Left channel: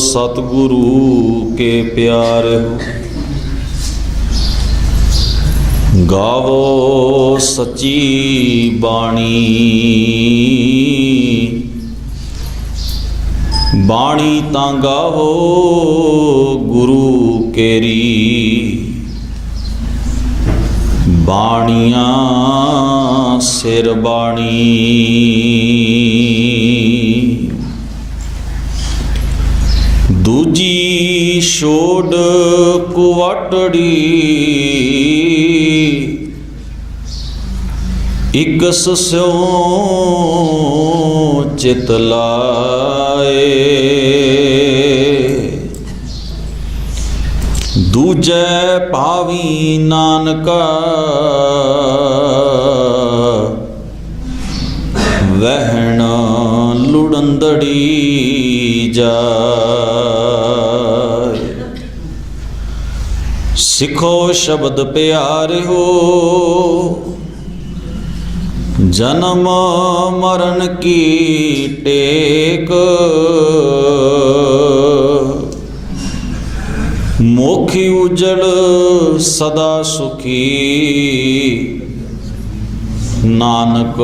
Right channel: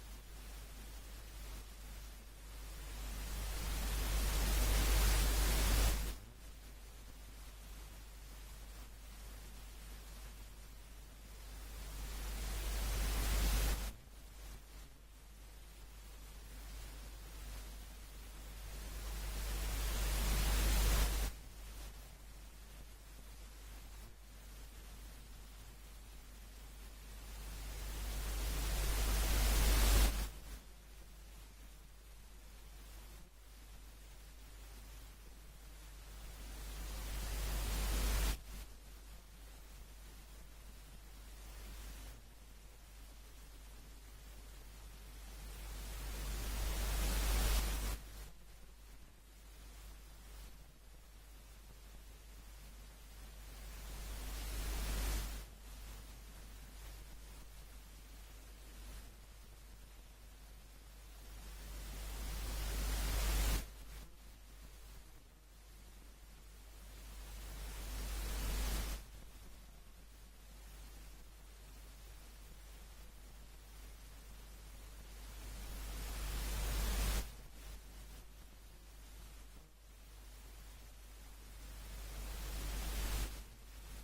सतगुरु के प्यारे हो। गावो सच्ची बाणी, बाणी तां गावो गुरु केरी। बाणियां सिर बाणी, दूजी छोड़ कुवाटड़ी। इकस स्यों चित लाए, दूजे पावी नानका वहन लुड़ंदड़ी जाए। सिखो शब्द प्यारे हो, जन्म मरण की टेक। मोखी उजड़ सदा सुखी, नानक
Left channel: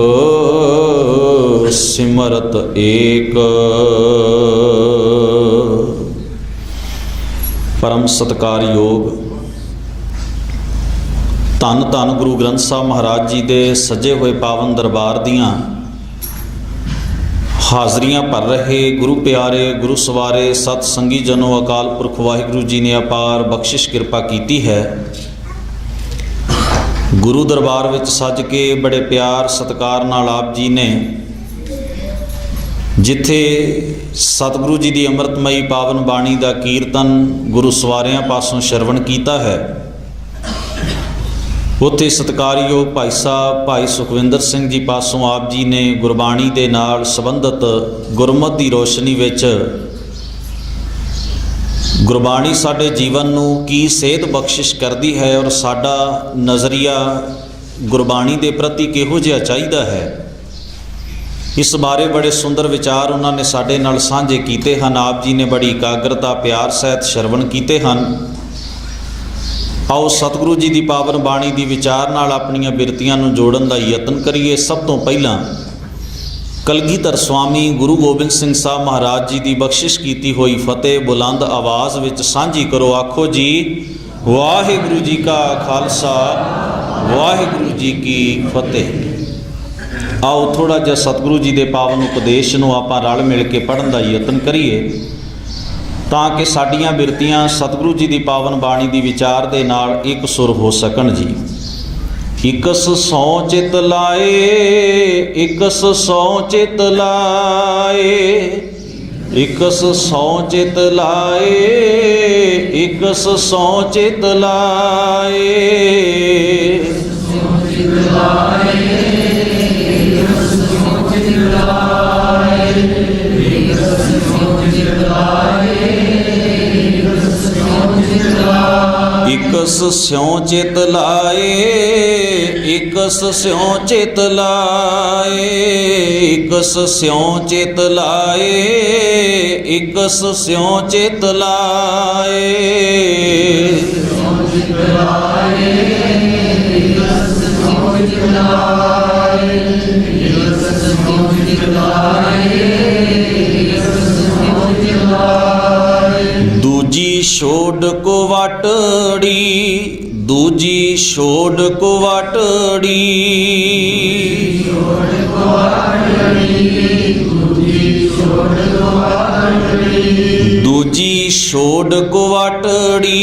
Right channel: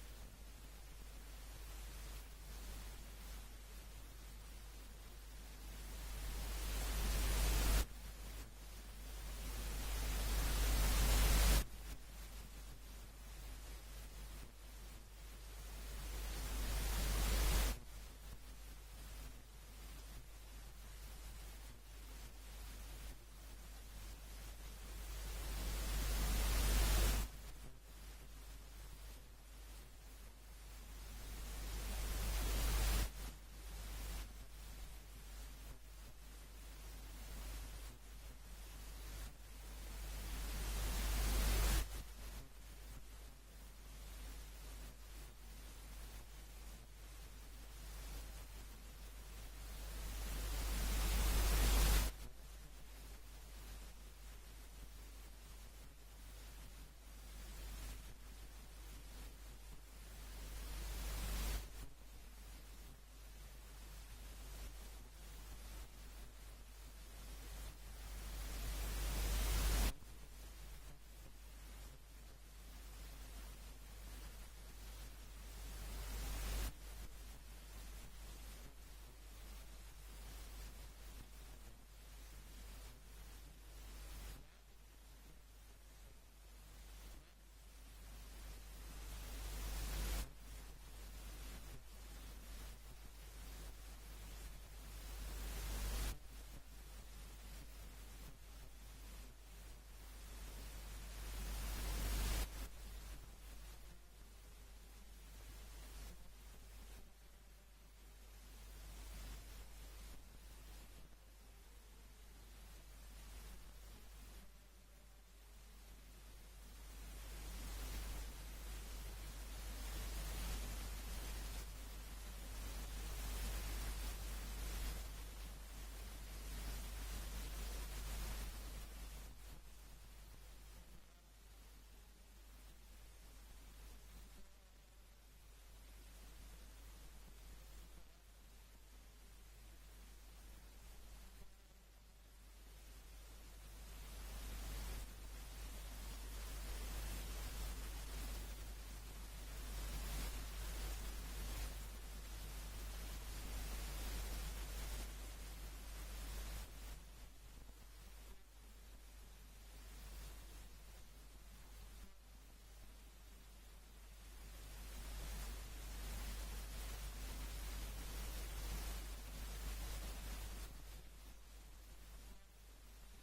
सिमरत एक। परम सत्कारयोग धन धन गुरु ग्रंथ साहब महाराज जी के सजे हुए पावन दरबार दियां हाज़रियां भर रहे गुरु प्यारे गुरु सवारे सत संगी जनों अकाल पुरख वाहिगुरु जी ने अपार बख्शिश कृपा की है। गुरु दरबार विच सज के बड़े प्यार सत्कार नाल आप जी ने जिथे सतगुरु जी की अमृतमयी पावन बाणी का कीर्तन गुरु सवारियां पासों श्रवण किया है, उत्थे सत्कारयोग भाई साहब भाई सुखविंदर सिंह जी पासों आप जी ने गुरबाणी के नाल संबंधित गुरमत की रोशनी विच गुरबाणी साडे जीवन नूं की सेध बख्शिश करती है और साडा नज़रिया गुरबाणी के प्रति किहो जिहा चाहीदा है, इस बारे बड़े सुंदर विचार उन्होंने साडे नाल साझे कीते हैं। आप जी ने बड़ी एकाग्रता प्यार सहित श्रवण कीते हैं। आओ सतगुरु जी की पावन बाणी की विचार नाल अपनियां बिरतियां नूं जोड़न का यतन करिए। सब तो पहला कलगीधर स्वामी गुरु गोबिंद सिंह साहब महाराज जी की बख्शिश की हुई फतेह बुलंद आवाज़ विच सांझी करो। आखो जी वाहिगुरु जी का खालसा वाहिगुरु जी की फतेह। आओ थोड़ा जिहा सतगुरु जी के पावन उपदेश नूं आपां रल मिल के पढ़न का यतन करिए ताकि साडियां बिरतियां सतगुरु जी की पावन बाणी की विचार के नाल एक सुर हो सकन जी। इकस सौ चित लाए, इकस सौ चित लाए, इकस सौ चित लाए, इकस सौ चित लाए। इकस स्यों चित लाए, इकस स्यों चित लाए, इकस स्यों चित लाए, इकस स्यों चित लाए। दूजी छोड़ कुवाटड़ी, दूजी छोड़ कुवाटड़ी। दूजी छोड़ कुवाटड़ी,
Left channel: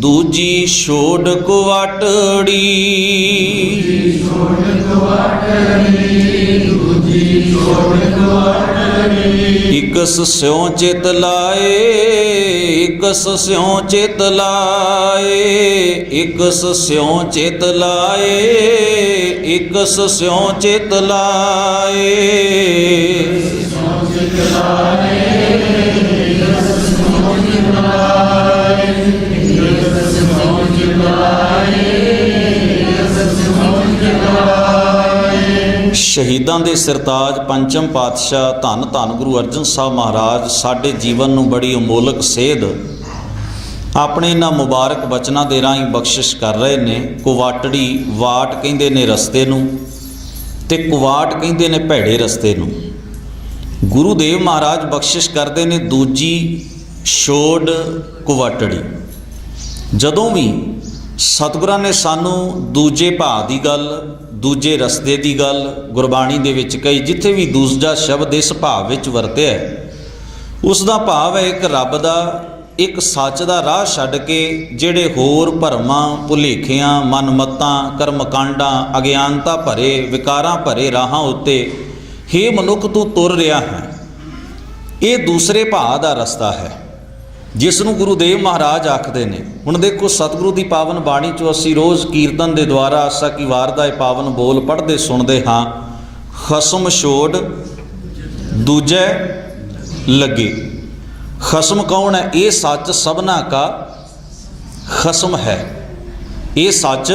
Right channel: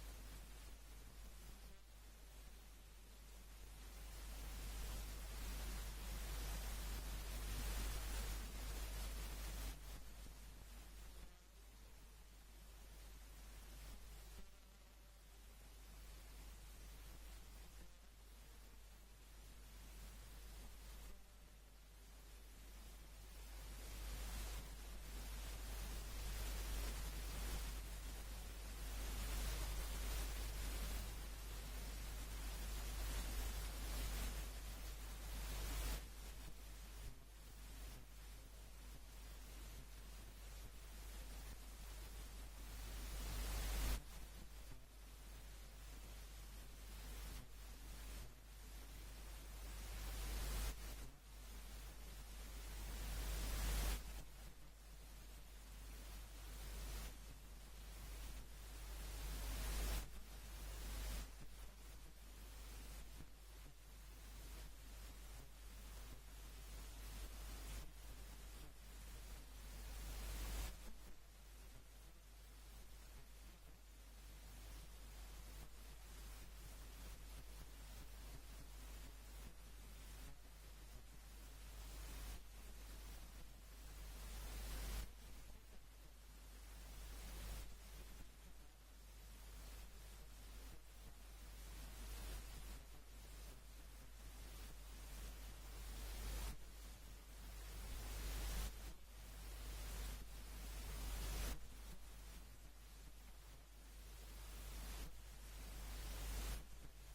दूजी छोड़ कुवाटड़ी। इकस स्यों चित लाए, इकस स्यों चित लाए, इकस स्यों चित लाए, इकस स्यों चित लाए। ਸ਼ਹੀਦਾਂ ਦੇ ਸਿਰਤਾਜ ਪੰਚਮ ਪਾਤਸ਼ਾਹ ਧੰਨ ਧੰਨ ਗੁਰੂ ਅਰਜਨ ਸਾਹਿਬ ਮਹਾਰਾਜ ਸਾਡੇ ਜੀਵਨ ਨੂੰ ਬੜੀ ਅਮੋਲਕ ਸੇਧ ਆਪਣੇ ਇਹਨਾਂ ਮੁਬਾਰਕ ਬਚਨਾਂ ਦੇ ਰਾਹੀਂ ਬਖਸ਼ਿਸ਼ ਕਰ ਰਹੇ ਨੇ। ਕੁਵਾਟੜੀ ਵਾਟ ਕਹਿੰਦੇ ਨੇ ਰਸਤੇ ਨੂੰ, ਤੇ ਕੁਵਾਟ ਕਹਿੰਦੇ ਨੇ ਭੈੜੇ ਰਸਤੇ ਨੂੰ। ਗੁਰੂਦੇਵ ਮਹਾਰਾਜ ਬਖਸ਼ਿਸ਼ ਕਰਦੇ ਨੇ ਦੂਜੀ ਛੋੜ ਕੁਵਾਟੜੀ। ਜਦੋਂ ਵੀ ਸਤਿਗੁਰਾਂ ਨੇ ਸਾਨੂੰ ਦੂਜੇ ਭਾਅ ਦੀ ਗੱਲ, ਦੂਜੇ ਰਸਤੇ ਦੀ ਗੱਲ ਗੁਰਬਾਣੀ ਦੇ ਵਿੱਚ ਕਹੀ, ਜਿੱਥੇ ਵੀ ਦੂਜਾ ਸ਼ਬਦ ਇਸ ਭਾਵ ਵਿੱਚ ਵਰਤਿਆ ਉਸ ਦਾ ਭਾਵ ਹੈ ਇੱਕ ਰੱਬ ਦਾ, ਇੱਕ ਸੱਚ ਦਾ ਰਾਹ ਛੱਡ ਕੇ ਜਿਹੜੇ ਹੋਰ ਭਰਮਾਂ, ਭੁਲੇਖਿਆਂ, ਮਨਮਤਾਂ, ਕਰਮਕਾਂਡਾਂ, ਅਗਿਆਨਤਾ ਭਰੇ, ਵਿਕਾਰਾਂ ਭਰੇ ਰਾਹਾਂ ਉੱਤੇ ਹੇ ਮਨੁੱਖ ਤੂੰ ਤੁਰ ਰਿਹਾ ਹੈ। ਇਹ ਦੂਸਰੇ ਭਾਅ ਦਾ ਰਸਤਾ ਹੈ ਜਿਸ ਨੂੰ ਗੁਰੂਦੇਵ ਮਹਾਰਾਜ ਆਖਦੇ ਨੇ। ਹੁਣ ਦੇਖੋ ਸਤਿਗੁਰੂ ਦੀ ਪਾਵਨ ਬਾਣੀ 'ਚੋਂ ਅਸੀਂ ਰੋਜ਼ ਕੀਰਤਨ ਦੇ ਦੁਆਰਾ ਆਸਾ ਕੀ ਵਾਰ ਦਾ ਇਹ ਪਾਵਨ ਬੋਲ ਪੜ੍ਹਦੇ ਸੁਣਦੇ ਹਾਂ, ਖਸਮ ਛੋੜ ਦੂਜੇ ਲੱਗੇ। ਖਸਮ ਕੌਣ ਹੈ? ਇਹ ਸੱਚ ਸਭਨਾ ਕਾ ਖਸਮ ਹੈ। ਇਹ ਸੱਚ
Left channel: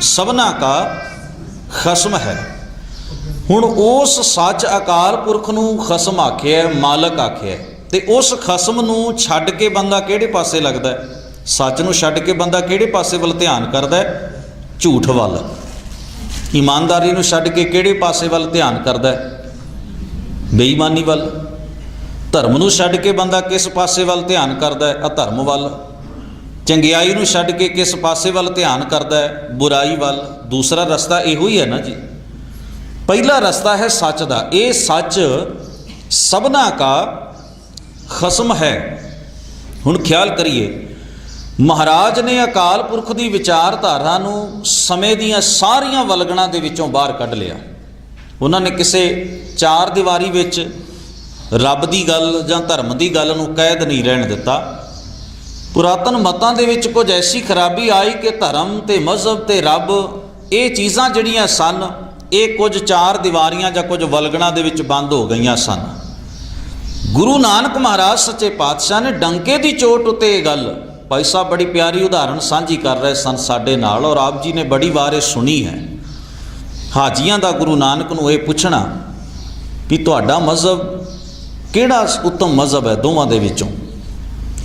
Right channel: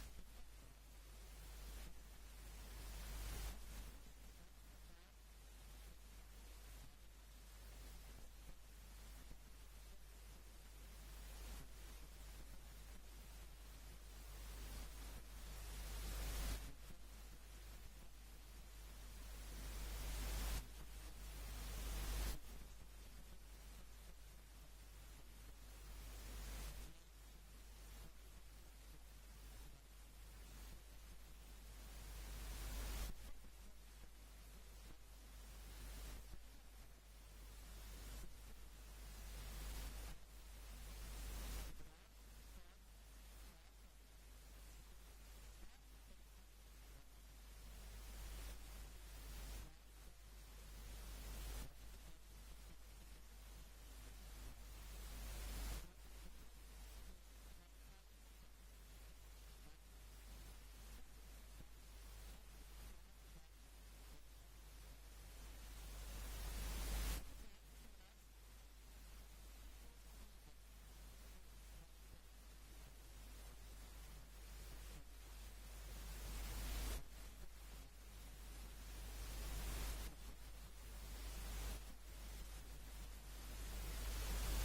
ਸਭਨਾ ਕਾ ਖਸਮ ਹੈ। ਹੁਣ ਉਸ ਸੱਚ ਅਕਾਲ ਪੁਰਖ ਨੂੰ ਖਸਮ ਆਖਿਆ, ਮਾਲਕ ਆਖਿਆ, ਤੇ ਉਸ ਖਸਮ ਨੂੰ ਛੱਡ ਕੇ ਬੰਦਾ ਕਿਹੜੇ ਪਾਸੇ ਲੱਗਦਾ ਹੈ? ਸੱਚ ਨੂੰ ਛੱਡ ਕੇ ਬੰਦਾ ਕਿਹੜੇ ਪਾਸੇ ਵੱਲ ਧਿਆਨ ਕਰਦਾ ਹੈ? ਝੂਠ ਵੱਲ। ਇਮਾਨਦਾਰੀ ਨੂੰ ਛੱਡ ਕੇ ਕਿਹੜੇ ਪਾਸੇ ਵੱਲ ਧਿਆਨ ਕਰਦਾ ਹੈ? ਬੇਈਮਾਨੀ ਵੱਲ। ਧਰਮ ਨੂੰ ਛੱਡ ਕੇ ਬੰਦਾ ਕਿਸ ਪਾਸੇ ਵੱਲ ਧਿਆਨ ਕਰਦਾ ਹੈ? ਅਧਰਮ ਵੱਲ। ਚੰਗਿਆਈ ਨੂੰ ਛੱਡ ਕੇ ਕਿਸ ਪਾਸੇ ਵੱਲ ਧਿਆਨ ਕਰਦਾ ਹੈ? ਬੁਰਾਈ ਵੱਲ। ਦੂਸਰਾ ਰਸਤਾ ਇਹੋ ਹੀ ਹੈ ਨਾ ਜੀ। ਪਹਿਲਾ ਰਸਤਾ ਹੈ ਸੱਚ ਦਾ। ਇਹ ਸੱਚ ਸਭਨਾ ਕਾ ਖਸਮ ਹੈ। ਹੁਣ ਖਿਆਲ ਕਰੀਏ, ਮਹਾਰਾਜ ਨੇ ਅਕਾਲ ਪੁਰਖ ਦੀ ਵਿਚਾਰਧਾਰਾ ਨੂੰ ਸਮੇਂ ਦੀਆਂ ਸਾਰੀਆਂ ਵਲਗਣਾਂ ਦੇ ਵਿੱਚੋਂ ਬਾਹਰ ਕੱਢ ਲਿਆ। ਉਹਨਾਂ ਨੇ ਕਿਸੇ ਚਾਰ ਦੀਵਾਰੀ ਵਿੱਚ ਰੱਬ ਦੀ ਗੱਲ ਜਾਂ ਧਰਮ ਦੀ ਗੱਲ ਨੂੰ ਕੈਦ ਨਹੀਂ ਰਹਿਣ ਦਿੱਤਾ। ਪੁਰਾਤਨ ਮਤਾਂ ਦੇ ਵਿੱਚ ਕੁਝ ਐਸੀ ਖਰਾਬੀ ਆਈ ਕਿ ਧਰਮ ਤੇ ਮਜ਼ਹਬ ਤੇ ਰੱਬ, ਇਹ ਚੀਜ਼ਾਂ ਜਿਹੜੀਆਂ ਸਨ, ਇਹ ਕੁਝ ਚਾਰ ਦੀਵਾਰੀਆਂ ਜਾਂ ਕੁਝ ਵਲਗਣਾਂ ਦੇ ਵਿੱਚ ਬੰਦ ਹੋ ਗਈਆਂ ਸਨ। ਗੁਰੂ ਨਾਨਕ ਮਹਾਰਾਜ ਸੱਚੇ ਪਾਤਸ਼ਾਹ ਨੇ ਡੰਕੇ ਦੀ ਚੋਟ ਉੱਤੇ ਇਹ ਗੱਲ, ਭਾਈ ਸਾਹਿਬ ਬੜੀ ਪਿਆਰੀ ਉਦਾਹਰਣ ਸਾਂਝੀ ਕਰ ਰਹੇ ਸਨ ਸਾਡੇ ਨਾਲ, ਔਰ ਆਪ ਜੀ ਨੇ ਬੜੀ ਵਾਰ ਇਹ ਸੁਣੀ ਹੈ। ਹਾਜੀਆਂ ਦਾ ਗੁਰੂ ਨਾਨਕ ਨੂੰ ਇਹ ਪੁੱਛਣਾ ਵੀ ਤੁਹਾਡਾ ਮਜ਼ਹਬ ਕਿਹੜਾ ਉੱਤਮ ਮਜ਼ਹਬ ਹੈ ਦੋਵਾਂ ਦੇ ਵਿੱਚੋਂ,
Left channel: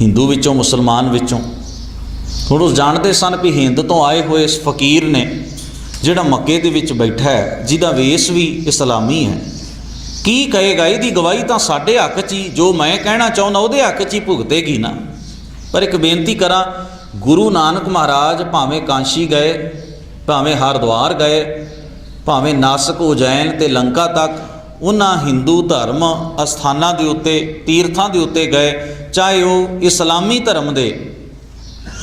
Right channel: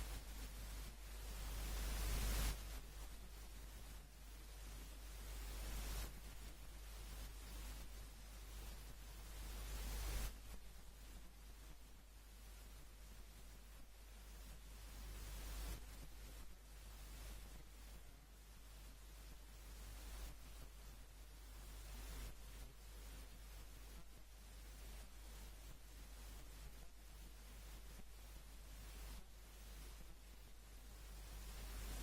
ਹਿੰਦੂ ਵਿੱਚੋਂ, ਮੁਸਲਮਾਨ ਵਿੱਚੋਂ। ਹੁਣ ਉਹ ਜਾਣਦੇ ਸਨ ਵੀ ਹਿੰਦ ਤੋਂ ਆਏ ਹੋਏ ਇਸ ਫਕੀਰ ਨੇ ਜਿਹੜਾ ਮੱਕੇ ਦੇ ਵਿੱਚ ਬੈਠਾ ਹੈ, ਜਿਹਦਾ ਵੇਸ ਵੀ ਇਸਲਾਮੀ ਹੈ, ਕੀ ਕਹੇਗਾ? ਇਹਦੀ ਗਵਾਹੀ ਤਾਂ ਸਾਡੇ ਹੱਕ 'ਚ ਹੀ, ਜੋ ਮੈਂ ਕਹਿਣਾ ਚਾਹੁੰਦਾ ਉਹਦੇ ਹੱਕ 'ਚ ਹੀ ਭੁਗਤੇਗੀ ਨਾ। ਪਰ ਇੱਕ ਬੇਨਤੀ ਕਰਾਂ, ਗੁਰੂ ਨਾਨਕ ਮਹਾਰਾਜ ਭਾਵੇਂ ਕਾਂਸ਼ੀ ਗਏ, ਭਾਵੇਂ ਹਰਿਦੁਆਰ ਗਏ, ਭਾਵੇਂ ਨਾਸਕ, ਉਜੈਨ ਤੇ ਲੰਕਾ ਤੱਕ, ਉਹਨਾਂ ਹਿੰਦੂ ਧਰਮ ਅਸਥਾਨਾਂ ਦੇ ਉੱਤੇ, ਤੀਰਥਾਂ ਦੇ ਉੱਤੇ ਗਏ, ਚਾਹੇ ਉਹ ਇਸਲਾਮੀ ਧਰਮ ਦੇ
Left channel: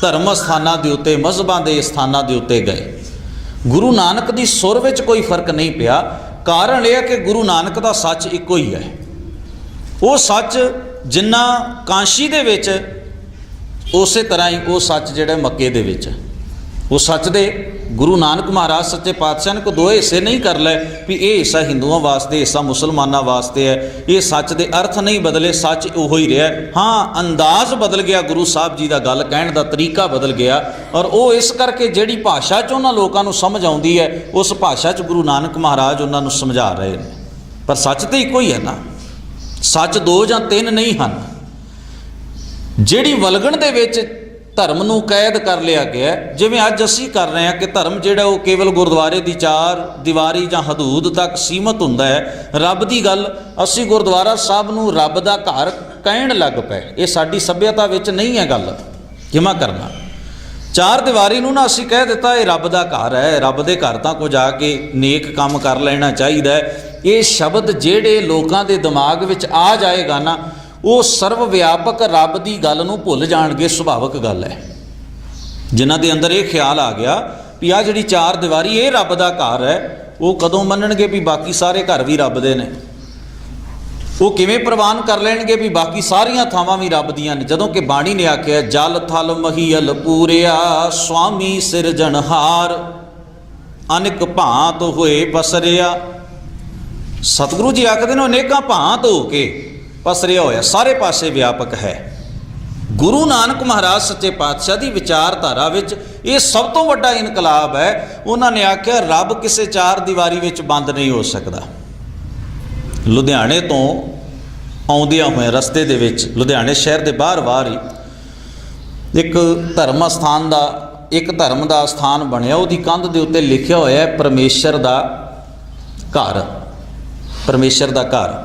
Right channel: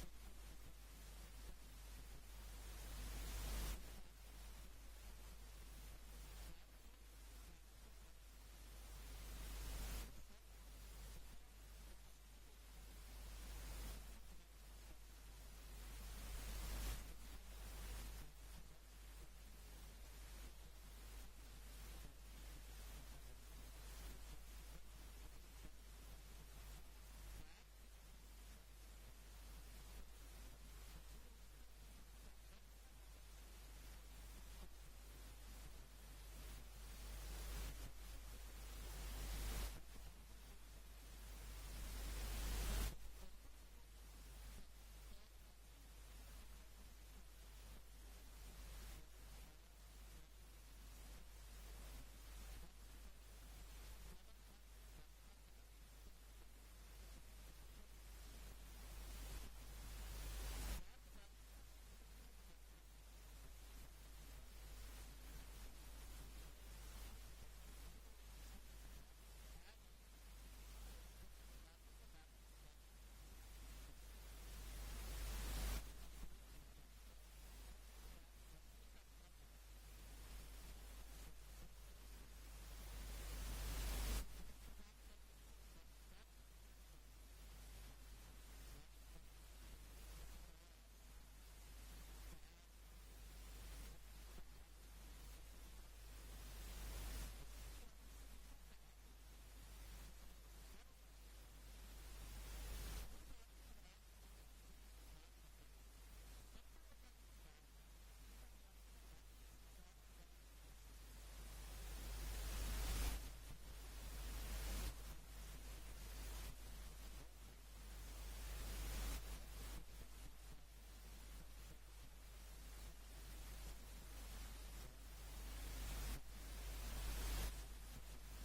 ਧਰਮ ਅਸਥਾਨਾਂ ਦੇ ਉੱਤੇ, ਮਜ਼ਹਬਾਂ ਦੇ ਸਥਾਨਾਂ ਦੇ ਉੱਤੇ ਗਏ, ਗੁਰੂ ਨਾਨਕ ਦੀ ਸੁਰ ਵਿੱਚ ਕੋਈ ਫਰਕ ਨਹੀਂ ਪਿਆ। ਕਾਰਨ ਇਹ ਹੈ ਕਿ ਗੁਰੂ ਨਾਨਕ ਦਾ ਸੱਚ ਇੱਕੋ ਹੀ ਹੈ। ਉਹ ਸੱਚ ਜਿੰਨਾ ਕਾਂਸ਼ੀ ਦੇ ਵਿੱਚ, ਉਸੇ ਤਰ੍ਹਾਂ ਹੀ ਉਹ ਸੱਚ ਜਿਹੜਾ ਮੱਕੇ ਦੇ ਵਿੱਚ। ਉਹ ਸੱਚ ਦੇ ਗੁਰੂ ਨਾਨਕ ਮਹਾਰਾਜ ਸੱਚੇ ਪਾਤਸ਼ਾਹ ਨੇ ਕੋਈ ਦੋ ਹਿੱਸੇ ਨਹੀਂ ਕਰ ਲਏ ਵੀ ਇਹ ਹਿੱਸਾ ਹਿੰਦੂਆਂ ਵਾਸਤੇ, ਹਿੱਸਾ ਮੁਸਲਮਾਨਾਂ ਵਾਸਤੇ ਹੈ। ਇਹ ਸੱਚ ਦੇ ਅਰਥ ਨਹੀਂ ਬਦਲੇ, ਸੱਚ ਉਹੋ ਹੀ ਰਿਹਾ। ਹਾਂ, ਅੰਦਾਜ਼ ਬਦਲ ਗਿਆ, ਗੁਰੂ ਸਾਹਿਬ ਜੀ ਦਾ ਗੱਲ ਕਹਿਣ ਦਾ ਤਰੀਕਾ ਬਦਲ ਗਿਆ, ਔਰ ਉਹ ਇਸ ਕਰਕੇ ਜਿਹੜੀ ਭਾਸ਼ਾ 'ਚ ਉਹਨਾਂ ਲੋਕਾਂ ਨੂੰ ਸਮਝ ਆਉਂਦੀ ਹੈ, ਉਸ ਭਾਸ਼ਾ 'ਚ ਗੁਰੂ ਨਾਨਕ ਮਹਾਰਾਜ ਉਹਨਾਂ ਨੂੰ ਸਮਝਾ ਰਹੇ ਨੇ। ਪਰ ਸੱਚ ਤਾਂ ਇੱਕੋ ਹੀ ਹੈ ਨਾ। ਸੱਚ ਦੋ ਜਾਂ ਤਿੰਨ ਨਹੀਂ ਹਨ। ਜਿਹੜੀ ਵਲਗਣ ਦੇ ਵਿੱਚ ਧਰਮ ਨੂੰ ਕੈਦ ਕਰ ਲਿਆ ਗਿਆ, ਜਿਵੇਂ ਅੱਜ ਅਸੀਂ ਕਰ ਰਹੇ ਹਾਂ ਕਿ ਧਰਮ ਜਿਹੜਾ ਉਹ ਕੇਵਲ ਗੁਰਦੁਆਰੇ ਦੀ ਚਾਰ ਦੀਵਾਰੀ ਜਾਂ ਹਦੂਦ ਤੱਕ ਸੀਮਤ ਹੁੰਦਾ ਹੈ। ਰੱਬ ਦੀ ਗੱਲ, ਅਸੀਂ ਗੁਰਦੁਆਰਾ ਸਾਹਿਬ ਨੂੰ ਰੱਬ ਦਾ ਘਰ ਕਹਿਣ ਲੱਗ ਪਏ। ਇਹ ਸਾਡੀ ਸੱਭਿਅਤਾ ਵਿੱਚ ਨਹੀਂ ਹੈ ਗੱਲ, ਜਿਮਾ ਕਰਨਾ। ਚਾਰ ਦੀਵਾਰੀ ਨੂੰ ਨਾ ਅਸੀਂ ਕਹਿ ਦਿੱਤਾ ਇਹ ਰੱਬ ਦਾ ਘਰ ਹੈ, ਰੱਬ ਦੇ ਘਰ ਤਾਂ ਕੁਝ ਆ ਕੇ ਨੇਕ ਕੰਮ ਕਰ ਲੈਣਾ ਚਾਹੀਦਾ ਹੈ। ਇਹ ਸ਼ਬਦ ਜਿਹੜੇ ਲੋਕਾਂ ਦੇ ਦਿਮਾਗ ਵਿੱਚ ਆ ਜਾਏਗਾ ਨਾ, ਉਹ ਸਰਵ ਵਿਆਪਕ ਰੱਬ ਦੀ ਗੱਲ ਨੂੰ ਭੁੱਲ ਜਾਣਗੇ। ਸੁਭਾਵਿਕ ਗੱਲ ਹੈ। ਜਿਨ੍ਹਾਂ ਦੇ ਅੰਦਰ ਇਹ ਖਿਆਲ ਆ ਗਿਆ ਵੀ ਆਹ ਜਿਹੜੀ ਚਾਰ ਦੀਵਾਰੀ ਇਹ ਰੱਬ ਦਾ ਘਰ ਹੈ, ਉਹ ਕਦੋਂ ਮੰਨਣਗੇ ਵੀ ਬਾਕੀ ਸਾਰੇ ਘਰ ਵੀ ਰੱਬ ਦੇ ਨੇ? ਉਹ ਕਿਵੇਂ ਪ੍ਰਵਾਨ ਕਰ ਲੈਣਗੇ ਵੀ ਬਾਕੀ ਸਾਰੀਆਂ ਥਾਵਾਂ ਵੀ ਰੱਬ ਦੀਆਂ ਨੇ? ਜਦੋਂ ਕਿ ਬਾਣੀ ਨੇ ਆਖਿਆ ਜਲ ਥਲ ਮਹੀਲ ਪੂਰਿਆ, ਸੁਆਮੀ ਸਿਰਜਣਹਾਰ, ਅਨੇਕ ਭਾਂਤ ਹੋਏ ਪਸਰਿਆ। ਸਤਿਗੁਰੂ ਜੀ ਆਖਦੇ ਨੇ ਅਨੇਕਾਂ ਭਾਂਤ ਹੋ ਕੇ ਪਸਰਿਆ ਹੋਇਆ, ਸਾਰੇ ਪਾਸੇ ਵਿਆਪਕ ਹੈ। ਗੁਰੂ ਨਾਨਕ ਮਹਾਰਾਜ ਸੱਚੇ ਪਾਤਸ਼ਾਹ ਦੀ ਵਿਚਾਰਧਾਰਾ ਵਿੱਚ ਇਹ ਸਭ ਤੋਂ ਵੱਡਾ ਇਨਕਲਾਬ ਹੈ। ਉਹਨਾਂ ਨੇ ਆਖਿਆ ਰੱਬ ਕਿਸੇ ਚਾਰ ਦੀਵਾਰੀ ਵਿੱਚ ਬੰਦ ਨਹੀਂ ਹੋ ਸਕਦਾ। ਲੁਧਿਆਣੇ ਤੋਂ ਆਉਂਦਿਆਂ ਹੋਏ ਰਸਤੇ ਦੇ ਵਿੱਚ, ਲੁਧਿਆਣੇ ਸ਼ਹਿਰ ਦੇ ਬਾਹਰ ਹੀ ਇੱਕ ਧਰਮ ਦਾ ਸਥਾਨ ਬਣਿਆ। ਉਹਦੀ ਕੰਧ ਦੇ ਉੱਤੇ ਲਿਖਿਆ ਹੋਇਆ ਹੈ ਪਰਮੇਸ਼ਰ ਦਾ ਘਰ, ਪਰਮੇਸ਼ਰ ਦਾ ਘਰ।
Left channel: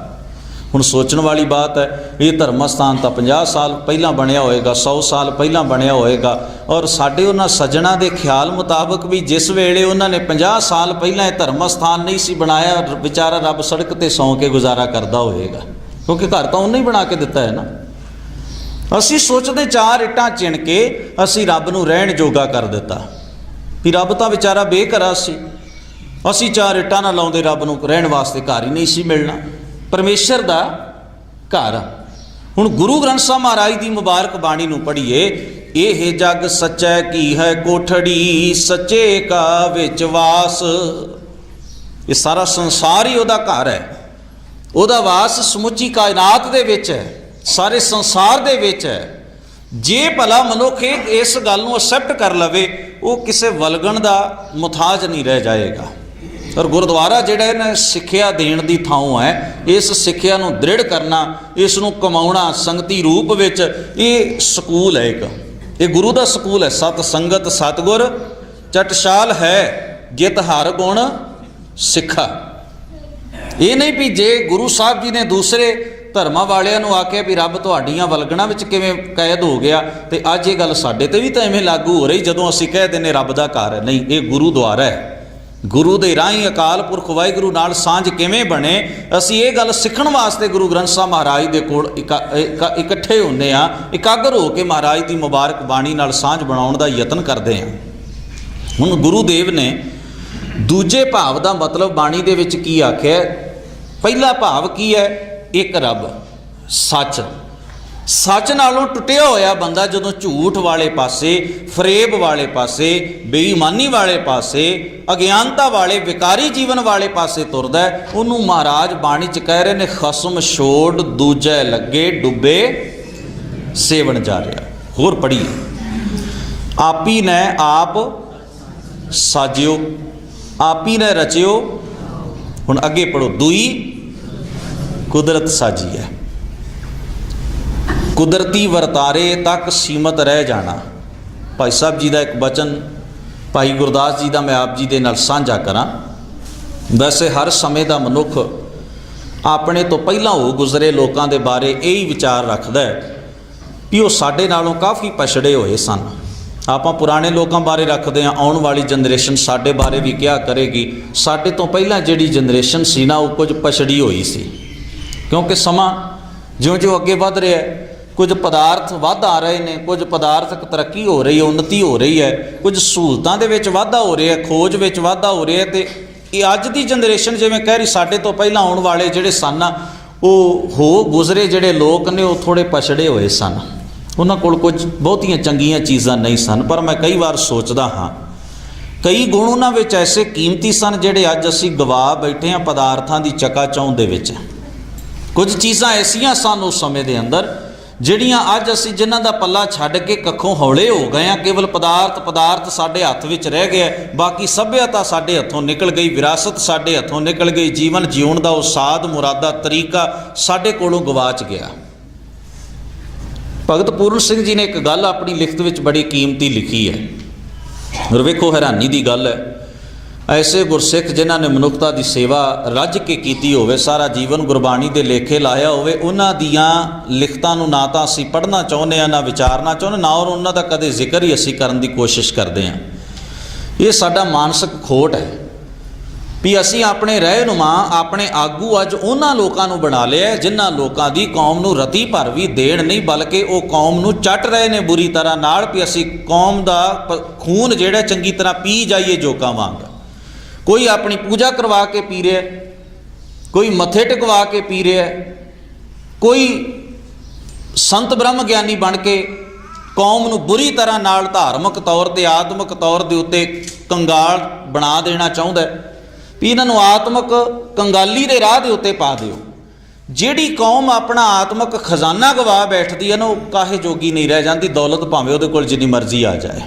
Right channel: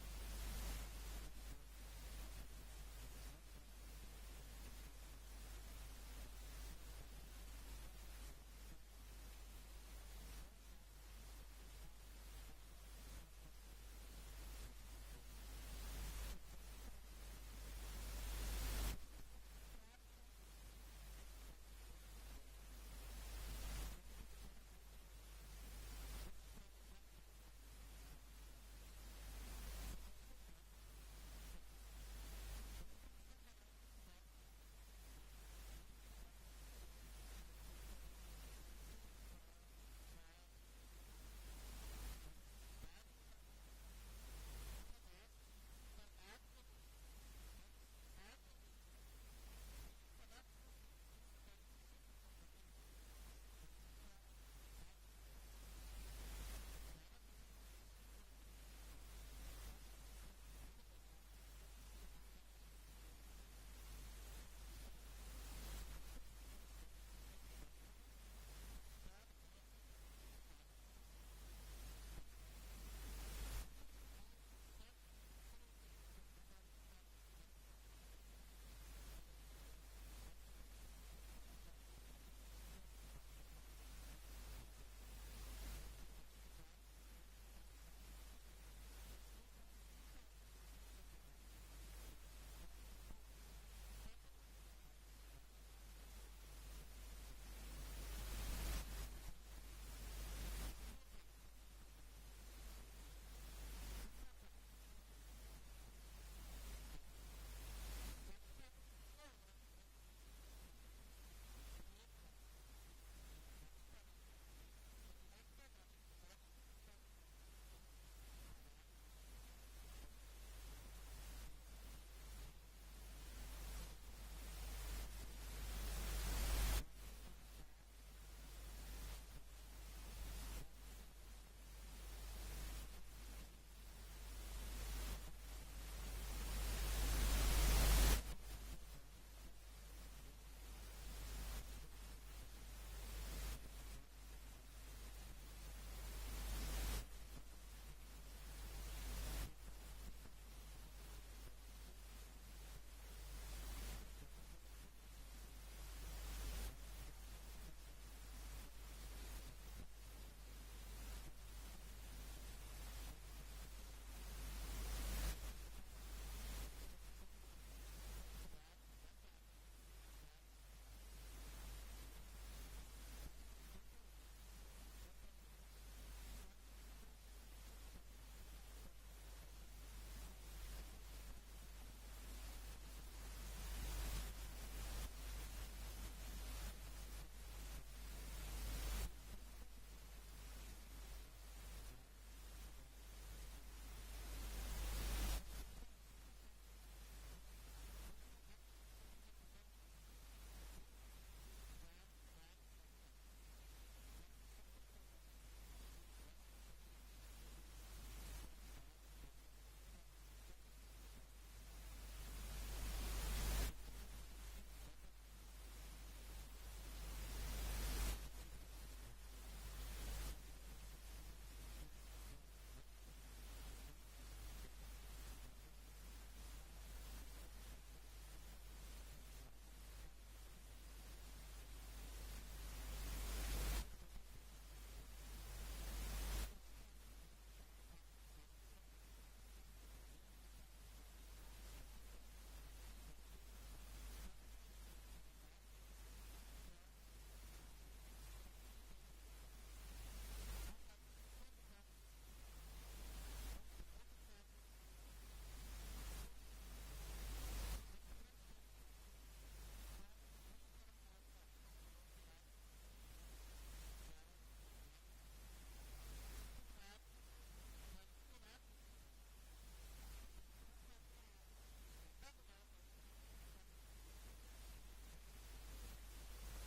ਹੁਣ ਸੋਚਣ ਵਾਲੀ ਬਾਤ ਹੈ, ਇਹ ਧਰਮ ਸਥਾਨ ਤਾਂ 50 ਸਾਲ ਪਹਿਲਾਂ ਬਣਿਆ ਹੋਏਗਾ, 100 ਸਾਲ ਪਹਿਲਾਂ ਬਣਿਆ ਹੋਏਗਾ, ਔਰ ਸਾਡੇ ਉਹਨਾਂ ਸੱਜਣਾ ਦੇ ਖਿਆਲ ਮੁਤਾਬਕ ਵੀ ਜਿਸ ਵੇਲੇ ਉਹਨਾਂ ਨੇ 50 ਸਾਲ ਪਹਿਲਾਂ ਇਹ ਧਰਮ ਸਥਾਨ ਨਹੀਂ ਸੀ ਬਣਾਇਆ, ਵਿਚਾਰਾ ਰੱਬ ਸੜਕ ਤੇ ਸੌਂ ਕੇ ਗੁਜ਼ਾਰਾ ਕਰਦਾ ਹੋਏਗਾ, ਕਿਉਂਕਿ ਘਰ ਤਾਂ ਉਹਨੇ ਹੀ ਬਣਾ ਕੇ ਦਿੱਤਾ ਹੈ ਨਾ। ਅਸੀਂ ਸੋਚਦੇ 4 ਇੱਟਾਂ ਚਿਣ ਕੇ ਅਸੀਂ ਰੱਬ ਨੂੰ ਰਹਿਣ ਜੋਗਾ ਕਰ ਦਿੱਤਾ, ਵੀ ਰੱਬ ਤਾਂ ਵਿਚਾਰਾ ਬੇਘਰਾ ਸੀ, ਅਸੀਂ 4 ਇੱਟਾਂ ਨਾ ਲਾਉਂਦੇ ਰੱਬ ਨੂੰ ਰਹਿਣ ਵਾਸਤੇ ਘਰ ਹੀ ਨਹੀਂ ਸੀ ਮਿਲਣਾ। ਪਰਮੇਸ਼ਰ ਦਾ ਘਰ। ਹੁਣ ਗੁਰੂ ਗ੍ਰੰਥ ਸਾਹਿਬ ਮਹਾਰਾਜ ਦੀ ਮੁਬਾਰਕ ਬਾਣੀ ਨੂੰ ਪੜ੍ਹੀਏ। ਇਹ ਜਗ ਸੱਚੈ ਕੀ ਹੈ ਕੋਠੜੀ, ਸੱਚੇ ਕਾ ਵਿੱਚ ਵਾਸ। ਇਹ ਸਾਰਾ ਸੰਸਾਰ ਹੀ ਉਹਦਾ ਘਰ ਹੈ, ਉਹਦਾ ਵਾਸ ਸਮੁੱਚੀ ਕਾਇਨਾਤ ਦੇ ਵਿੱਚ ਹੈ, ਸਾਰੇ ਸੰਸਾਰ ਦੇ ਵਿੱਚ ਹੈ। ਜੇ ਭਲਾ ਮਨੁੱਖ ਇਸ ਗੱਲ ਨੂੰ ਅਸੈਪਟ ਕਰ ਲਵੇ, ਉਹ ਕਿਸੇ ਵਲਗਣ ਦਾ ਮੁਤਾਜ ਨਹੀਂ ਰਹਿ ਜਾਏਗਾ। ਔਰ ਗੁਰਦੁਆਰਾ ਜਿਹੜਾ ਇਹਨਾਂ ਸਿੱਖਿਆ ਦੇਣ ਦੀ ਥਾਂ ਹੈ, ਇਸ ਸਿੱਖਿਆ ਨੂੰ ਦ੍ਰਿੜ ਕਰਨਾ, ਇਸ ਨੂੰ ਕਮਾਉਣਾ ਸੰਗਤੀ ਰੂਪ ਵਿੱਚ, ਇਹ ਸਕੂਲ ਹੈ ਇੱਕ, ਇਹ ਗੁਰੂ ਦਾ ਸਕੂਲ ਹੈ। ਸਤ ਸੰਗਤ ਸਤਿਗੁਰ ਚਟਸ਼ਾਲ ਹੈ, ਜਿਤ ਹਰ ਗੁਣ ਸਿੱਖਾ। ਇਹ ਨਹੀਂ ਵੀ ਜੇ ਗੁਰੂ ਸਾਹਿਬ ਜੀ ਨੇ ਦੂਸਰੇ ਧਰਮਾਂ ਵਾਲਿਆਂ ਨੂੰ ਆਖਿਆ ਵੀ ਰੱਬ ਤੁਹਾਡੀਆਂ ਵਲਗਣਾਂ ਵਿੱਚ ਕਿਵੇਂ ਕੈਦ ਹੋ ਗਿਆ, ਤੇ ਅੱਜ ਇਹ ਗੱਲ ਸਾਡੇ ਤੇ ਵੀ ਤਾਂ ਐਵੇਂ ਲਾਗੂ ਹੋ ਰਹੀ ਜਦੋਂ ਅਸੀਂ ਕਹਿ ਦਿੰਦੇ ਰੱਬ ਦਾ ਘਰ ਹੈ। ਨਹੀਂ, ਇਹ ਗੁਰੂ ਦੁਆਰਾ ਹੈ। ਗੁਰੂ ਦੇ ਰਾਹੀਂ ਅਕਾਲ ਪੁਰਖ ਵਾਹਿਗੁਰੂ ਨਾਲ ਸਾਂਝ ਕਿਵੇਂ ਬਣੇ, ਅਸੀਂ ਇਹ ਗੱਲ ਸਿੱਖਣ ਵਾਸਤੇ ਗੁਰੂ ਗ੍ਰੰਥ ਸਾਹਿਬ ਮਹਾਰਾਜ ਦੇ ਕੋਲ ਇਕੱਠੇ ਹੁੰਦੇ ਹਾਂ, ਇਕਾਗਰ ਹੋ ਕੇ ਮਹਾਰਾਜ ਦੀ ਮੁਬਾਰਕ ਬਾਣੀ ਨਾਲ ਸਾਂਝ ਬਣਾਉਣ ਦਾ ਯਤਨ ਕਰਦੇ ਹਾਂ। ਹੁਣ ਗੁਰੂ ਦੇਵ ਨੇ ਦੂਜੇ ਭਾਵ ਦਾ ਮਤਲਬ ਬਾਣੀ ਦੇ ਵਿੱਚ ਕੀ ਆਖਿਆ? ਪਹਿਲਾ ਭਾਵ ਕੀ ਹੈ? ਇੱਕ ਰੱਬ, ਸੱਚ। ਸੱਚ ਨਾਲੋਂ ਟੁੱਟਿਆ ਹੋਇਆ ਬੰਦਾ ਜਦੋਂ ਝੂਠ ਵਾਲੇ ਪਾਸੇ, ਫਰੇਬ ਵਾਲੇ ਪਾਸੇ, ਬੇਈਮਾਨੀ ਵਾਲੇ ਪਾਸੇ, ਅਗਿਆਨਤਾ ਵਾਲੇ ਵਿਕਾਰੀ ਜੀਵਨ ਵਾਲੇ ਪਾਸੇ ਤੁਰਦਾ, ਉਹਨੂੰ ਮਹਾਰਾਜ ਬਾਣੀ 'ਚ ਕਹਿ ਰਹੇ ਨੇ, ਖਸਮ ਛੋੜ ਦੂਜੇ ਲੱਗੇ ਡੁੱਬੇ ਸੇਵਨ ਜਾ ਰਿਹਾ। ਹੋਰ ਪੜ੍ਹੀਏ, ਆਪੀ ਨੇ ਆਪ ਸਾਜਿਓ, ਆਪੀ ਨੇ ਰਚਿਓ। ਹੁਣ ਅੱਗੇ ਪੜ੍ਹੋ, ਦੂਈ ਕੁਦਰਤ ਸਾਜੀ ਹੈ, ਕੁਦਰਤੀ ਵਰਤਾਰੇ ਤੱਕ ਸੀਮਤ ਰਹਿ ਜਾਣਾ। ਭਾਈ ਸਾਹਿਬ ਜੀ ਦਾ ਇੱਕ ਬਚਨ ਭਾਈ ਗੁਰਦਾਸ ਜੀ ਦਾ ਮੈਂ ਆਪ ਜੀ ਦੇ ਨਾਲ ਸਾਂਝਾ ਕਰਾਂ। ਵੈਸੇ ਹਰ ਸਮੇਂ ਦਾ ਮਨੁੱਖ ਆਪਣੇ ਤੋਂ ਪਹਿਲਾਂ ਹੋ ਗੁਜ਼ਰੇ ਲੋਕਾਂ ਦੇ ਬਾਰੇ ਇਹ ਹੀ ਵਿਚਾਰ ਰੱਖਦਾ ਹੈ ਵੀ ਉਹ ਸਾਡੇ ਨਾਲੋਂ ਕਾਫੀ ਪਛੜੇ ਹੋਏ ਸਨ। ਆਪਾਂ ਪੁਰਾਣੇ ਲੋਕਾਂ ਬਾਰੇ ਰੱਖਦੇ ਹਾਂ, ਆਉਣ ਵਾਲੀ ਜਨਰੇਸ਼ਨ ਸਾਡੇ ਬਾਰੇ ਵੀ ਕਿਹਾ ਕਰੇਗੀ ਸਾਡੇ ਤੋਂ ਪਹਿਲਾਂ ਜਿਹੜੀ ਜਨਰੇਸ਼ਨ ਸੀ ਨਾ, ਉਹ ਕੁਝ ਪਛੜੀ ਹੋਈ ਸੀ। ਕਿਉਂਕਿ ਸਮਾਂ ਜਿਉਂ-ਜਿਉਂ ਅੱਗੇ ਵੱਧ ਰਿਹਾ ਹੈ, ਕੁਝ ਪਦਾਰਥ ਵੱਧ ਆ ਰਹੇ ਨੇ, ਕੁਝ ਪਦਾਰਥਕ ਤਰੱਕੀ ਹੋ ਰਹੀ ਹੈ, ਉੱਨਤੀ ਹੋ ਰਹੀ ਹੈ, ਕੁਝ ਸਹੂਲਤਾਂ ਦੇ ਵਿੱਚ ਵਾਧਾ ਹੋ ਰਿਹਾ, ਖੋਜ ਵਿੱਚ ਵਾਧਾ ਹੋ ਰਿਹਾ, ਤੇ ਇਹ ਅੱਜ ਦੀ ਜਨਰੇਸ਼ਨ ਜਿਵੇਂ ਕਹਿ ਰਹੀ ਸਾਡੇ ਤੋਂ ਪਹਿਲਾਂ ਆਉਣ ਵਾਲੇ ਜਿਹੜੇ ਸਨ ਨਾ, ਉਹ ਹੋ ਗੁਜ਼ਰੇ ਜਿਹੜੇ ਲੋਕ ਨੇ ਉਹ ਥੋੜ੍ਹੇ ਪਛੜੇ ਹੋਏ ਸਨ, ਉਹਨਾਂ ਕੋਲ ਕੁਝ ਬਹੁਤੀਆਂ ਚੰਗੀਆਂ ਚੀਜ਼ਾਂ ਨਹੀਂ ਸਨ। ਪਰ ਮੈਂ ਕਈ ਵਾਰ ਸੋਚਦਾ ਹਾਂ, ਕਈ ਗੁਣ ਉਹਨਾਂ ਵਿੱਚ ਐਸੇ ਕੀਮਤੀ ਸਨ ਜਿਹੜੇ ਅੱਜ ਅਸੀਂ ਗਵਾ ਬੈਠੇ ਹਾਂ ਪਦਾਰਥਾਂ ਦੀ ਚਕਾਚੌਂਧ ਦੇ ਵਿੱਚ। ਕੁਝ ਚੀਜ਼ਾਂ ਐਸੀਆਂ ਸਨ ਉਸ ਸਮੇਂ ਦੇ ਅੰਦਰ ਜਿਹੜੀਆਂ ਅੱਜ ਅਸੀਂ ਜਿਨ੍ਹਾਂ ਦਾ ਪੱਲਾ ਛੱਡ ਕੇ ਕੱਖੋਂ ਹੌਲੇ ਹੋ ਗਏ ਹਾਂ। ਕੇਵਲ ਪਦਾਰਥ ਸਾਡੇ ਹੱਥ ਵਿੱਚ ਰਹਿ ਗਿਆ, ਬਾਕੀ ਸੱਭਿਅਤਾ ਸਾਡੇ ਹੱਥੋਂ ਨਿਕਲ ਗਈ, ਵਿਰਾਸਤ ਸਾਡੇ ਹੱਥੋਂ ਨਿਕਲ ਗਈ, ਜੀਵਨ ਜਿਉਣ ਦਾ ਉਹ ਸਾਧ ਮੁਰਾਦਾ ਤਰੀਕਾ ਸਾਡੇ ਕੋਲੋਂ ਗਵਾਚ ਗਿਆ। ਭਗਤ ਪੂਰਨ ਸਿੰਘ ਜੀ ਨੇ ਇੱਕ ਗੱਲ ਆਪਣੀ ਲਿਖਤ ਵਿੱਚ ਬੜੀ ਕੀਮਤੀ ਲਿਖੀ ਹੈ, ਔਰ ਵੇਖੋ ਹੈਰਾਨੀ ਦੀ ਗੱਲ ਹੈ, ਐਸੇ ਗੁਰਸਿੱਖ ਜਿਨ੍ਹਾਂ ਨੇ ਮਨੁੱਖਤਾ ਦੀ ਸੇਵਾ ਰੱਜ ਕੇ ਕੀਤੀ ਹੋਵੇ, ਸਾਰਾ ਜੀਵਨ ਗੁਰਬਾਣੀ ਦੇ ਲੇਖੇ ਲਾਇਆ ਹੋਵੇ, ਉਹਨਾਂ ਦੀਆਂ ਲਿਖਤਾਂ ਨੂੰ ਨਾ ਤਾਂ ਅਸੀਂ ਪੜ੍ਹਨਾ ਚਾਹੁੰਦੇ ਹਾਂ, ਨਾ ਵਿਚਾਰਨਾ ਚਾਹੁੰਦੇ, ਨਾ ਔਰ ਉਹਨਾਂ ਦਾ ਕਦੇ ਜ਼ਿਕਰ ਹੀ ਅਸੀਂ ਕਰਨ ਦੀ ਕੋਸ਼ਿਸ਼ ਕਰਦੇ ਹਾਂ। ਇਹ ਸਾਡਾ ਮਾਨਸਿਕ ਖੋਟ ਹੈ ਵੀ ਅਸੀਂ ਆਪਣੇ ਰਹਿਨੁਮਾ, ਆਪਣੇ ਆਗੂ ਅੱਜ ਉਹਨਾਂ ਲੋਕਾਂ ਨੂੰ ਬਣਾ ਲਿਆ ਜਿਨ੍ਹਾਂ ਲੋਕਾਂ ਦੀ ਕੌਮ ਨੂੰ ਰਤੀ ਭਰ ਵੀ ਦੇਣ ਨਹੀਂ, ਬਲਕਿ ਉਹ ਕੌਮ ਨੂੰ ਚੱਟ ਰਹੇ ਨੇ ਬੁਰੀ ਤਰ੍ਹਾਂ ਨਾਲ, ਵੀ ਅਸੀਂ ਕੌਮ ਦਾ ਖੂਨ ਜਿਹੜਾ ਚੰਗੀ ਤਰ੍ਹਾਂ ਪੀ ਜਾਈਏ ਜੋਕਾਂ ਵਾਂਗ। ਕੋਈ ਆਪਣੀ ਪੂਜਾ ਕਰਵਾ ਕੇ ਪੀ ਰਿਹਾ, ਕੋਈ ਮੱਥੇ ਟਿਕਵਾ ਕੇ ਪੀ ਰਿਹਾ, ਕੋਈ ਸੰਤ ਬ੍ਰਹਮ ਗਿਆਨੀ ਬਣ ਕੇ ਕੌਮ ਨੂੰ ਬੁਰੀ ਤਰ੍ਹਾਂ ਨਾਲ ਧਾਰਮਿਕ ਤੌਰ ਤੇ, ਆਤਮਿਕ ਤੌਰ ਦੇ ਉੱਤੇ ਕੰਗਾਲ ਬਣਾ ਦੇਣਾ ਚਾਹੁੰਦਾ ਵੀ ਇਹਨਾਂ ਨੂੰ ਆਤਮਿਕ ਕੰਗਾਲੀ ਦੇ ਰਾਹ ਦੇ ਉੱਤੇ ਪਾ ਦਿਓ। ਜਿਹੜੀ ਕੌਮ ਆਪਣਾ ਆਤਮਿਕ ਖਜ਼ਾਨਾ ਗਵਾ ਬੈਠਦੀ ਹੈ ਨਾ, ਉਹ ਕਾਹੇ ਜੋਗੀ ਨਹੀਂ ਰਹਿ ਜਾਂਦੀ। ਦੌਲਤ ਭਾਵੇਂ ਉਹਦੇ ਕੋਲ ਜਿੰਨੀ ਮਰਜ਼ੀ ਆ ਜਾਏ,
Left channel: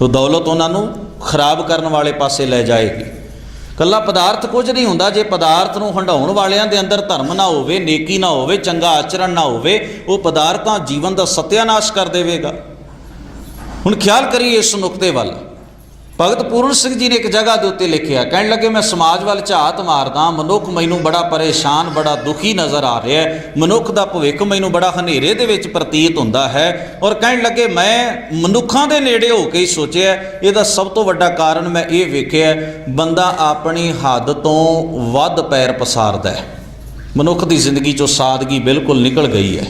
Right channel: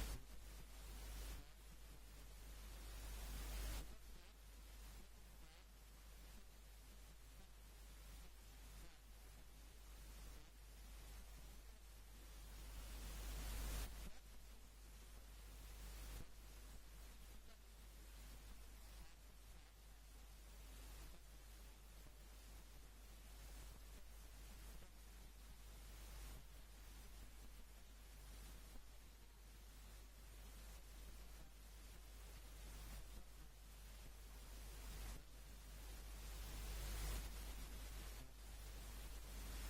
ਉਹ ਦੌਲਤ ਉਹਨਾਂ ਨੂੰ ਖਰਾਬ ਕਰਨ ਵਾਲੇ ਪਾਸੇ ਲੈ ਜਾਏਗੀ। ਕੱਲਾ ਪਦਾਰਥ ਕੁਝ ਨਹੀਂ ਹੁੰਦਾ। ਜੇ ਪਦਾਰਥ ਨੂੰ ਹੰਢਾਉਣ ਵਾਲਿਆਂ ਦੇ ਅੰਦਰ ਧਰਮ ਨਾ ਹੋਵੇ, ਨੇਕੀ ਨਾ ਹੋਵੇ, ਚੰਗਾ ਆਚਰਣ ਨਾ ਹੋਵੇ, ਉਹ ਪਦਾਰਥਾਂ ਜੀਵਨ ਦਾ ਸਤਿਆਨਾਸ਼ ਕਰ ਦੇਵੇਗਾ। ਹੁਣ ਖਿਆਲ ਕਰੀਏ ਇਸ ਨੁਕਤੇ ਵੱਲ। ਭਗਤ ਪੂਰਨ ਸਿੰਘ ਜੀ ਨੇ ਇੱਕ ਜਗ੍ਹਾ ਦੇ ਉੱਤੇ ਲਿਖਿਆ, ਕਹਿਣ ਲੱਗੇ ਮੈਂ ਸਮਾਜ ਵੱਲ ਝਾਤ ਮਾਰਦਾ, ਮਨੁੱਖ ਮੈਨੂੰ ਬੜਾ ਪਰੇਸ਼ਾਨ, ਬੜਾ ਦੁਖੀ ਨਜ਼ਰ ਆ ਰਿਹਾ ਹੈ। ਮਨੁੱਖ ਦਾ ਭਵਿੱਖ ਮੈਨੂੰ ਬੜਾ ਹਨੇਰੇ ਦੇ ਵਿੱਚ ਪ੍ਰਤੀਤ ਹੁੰਦਾ ਹੈ। ਔਰ ਕਹਿਣ ਲੱਗੇ ਮੈਂ ਮਨੁੱਖਾਂ ਦੇ ਨੇੜੇ ਹੋ ਕੇ ਹੀ ਸੋਚਿਆ, ਇਹਦਾ ਸਭ ਤੋਂ ਵੱਡਾ ਕਾਰਨ ਮੈਂ ਇਹ ਵੇਖਿਆ, ਬੰਦਾ ਆਪਣੀ ਹੱਦ ਤੋਂ ਵੱਧ ਪੈਰ ਪਸਾਰਦਾ ਹੈ। ਮਨੁੱਖ ਦੀ ਜ਼ਿੰਦਗੀ 'ਚੋਂ ਸਾਦਗੀ ਬਿਲਕੁਲ ਨਿਕਲ ਗਈ ਹੈ।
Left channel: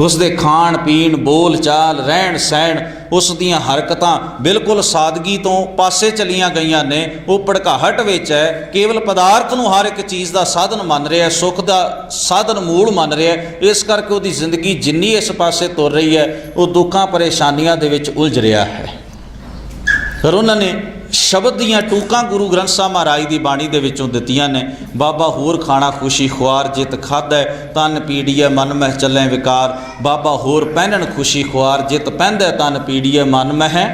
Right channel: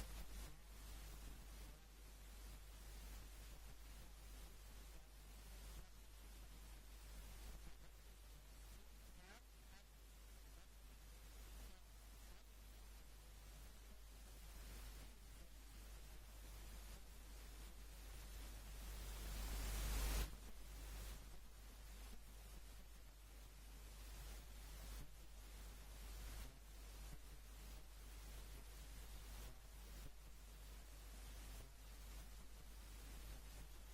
ਉਸ ਦੇ ਖਾਣ ਪੀਣ, ਬੋਲ ਚਾਲ, ਰਹਿਣ ਸਹਿਣ, ਉਸ ਦੀਆਂ ਹਰਕਤਾਂ ਬਿਲਕੁਲ ਸਾਦਗੀ ਤੋਂ ਪਾਸੇ ਚਲੀਆਂ ਗਈਆਂ ਨੇ। ਉਹ ਭੜਕਾਹਟ ਵਿੱਚ ਹੈ, ਕੇਵਲ ਪਦਾਰਥ ਨੂੰ ਹਰ ਇੱਕ ਚੀਜ਼ ਦਾ ਸਾਧਨ ਮੰਨ ਰਿਹਾ, ਸੁੱਖ ਦਾ ਸਾਧਨ ਮੂਲ ਮੰਨ ਰਿਹਾ। ਇਸ ਕਰਕੇ ਉਹਦੀ ਜ਼ਿੰਦਗੀ ਜਿੰਨੀ ਇਸ ਪਾਸੇ ਤੁਰ ਰਹੀ ਹੈ, ਉਹ ਦੁੱਖਾਂ ਪਰੇਸ਼ਾਨੀਆਂ ਦੇ ਵਿੱਚ ਉਲਝ ਰਿਹਾ ਹੈ। ਫਿਰ ਉਹਨਾਂ ਨੇ ਸ਼ਬਦ ਦੀਆਂ ਟੂਕਾਂ ਗੁਰੂ ਗ੍ਰੰਥ ਸਾਹਿਬ ਮਹਾਰਾਜ ਦੀ ਬਾਣੀ ਦੇ ਵਿੱਚੋਂ ਦਿੱਤੀਆਂ ਨੇ। ਬਾਬਾ ਹੋਰ ਖਾਣਾ ਖੁਸ਼ੀ ਖੁਆਰ ਜਿਤ ਖਾਧੈ, ਤਨ ਪੀੜੀਐ ਮਨ ਮਹਿ ਚੱਲੈ ਵਿਕਾਰ। ਬਾਬਾ ਹੋਰ ਪਹਿਨਣ ਖੁਸ਼ੀ ਖੁਆਰ ਜਿਤ ਪਹਿਨਦੈ, ਤਨ ਪੀੜੀਐ ਮਨ ਮਹਿ।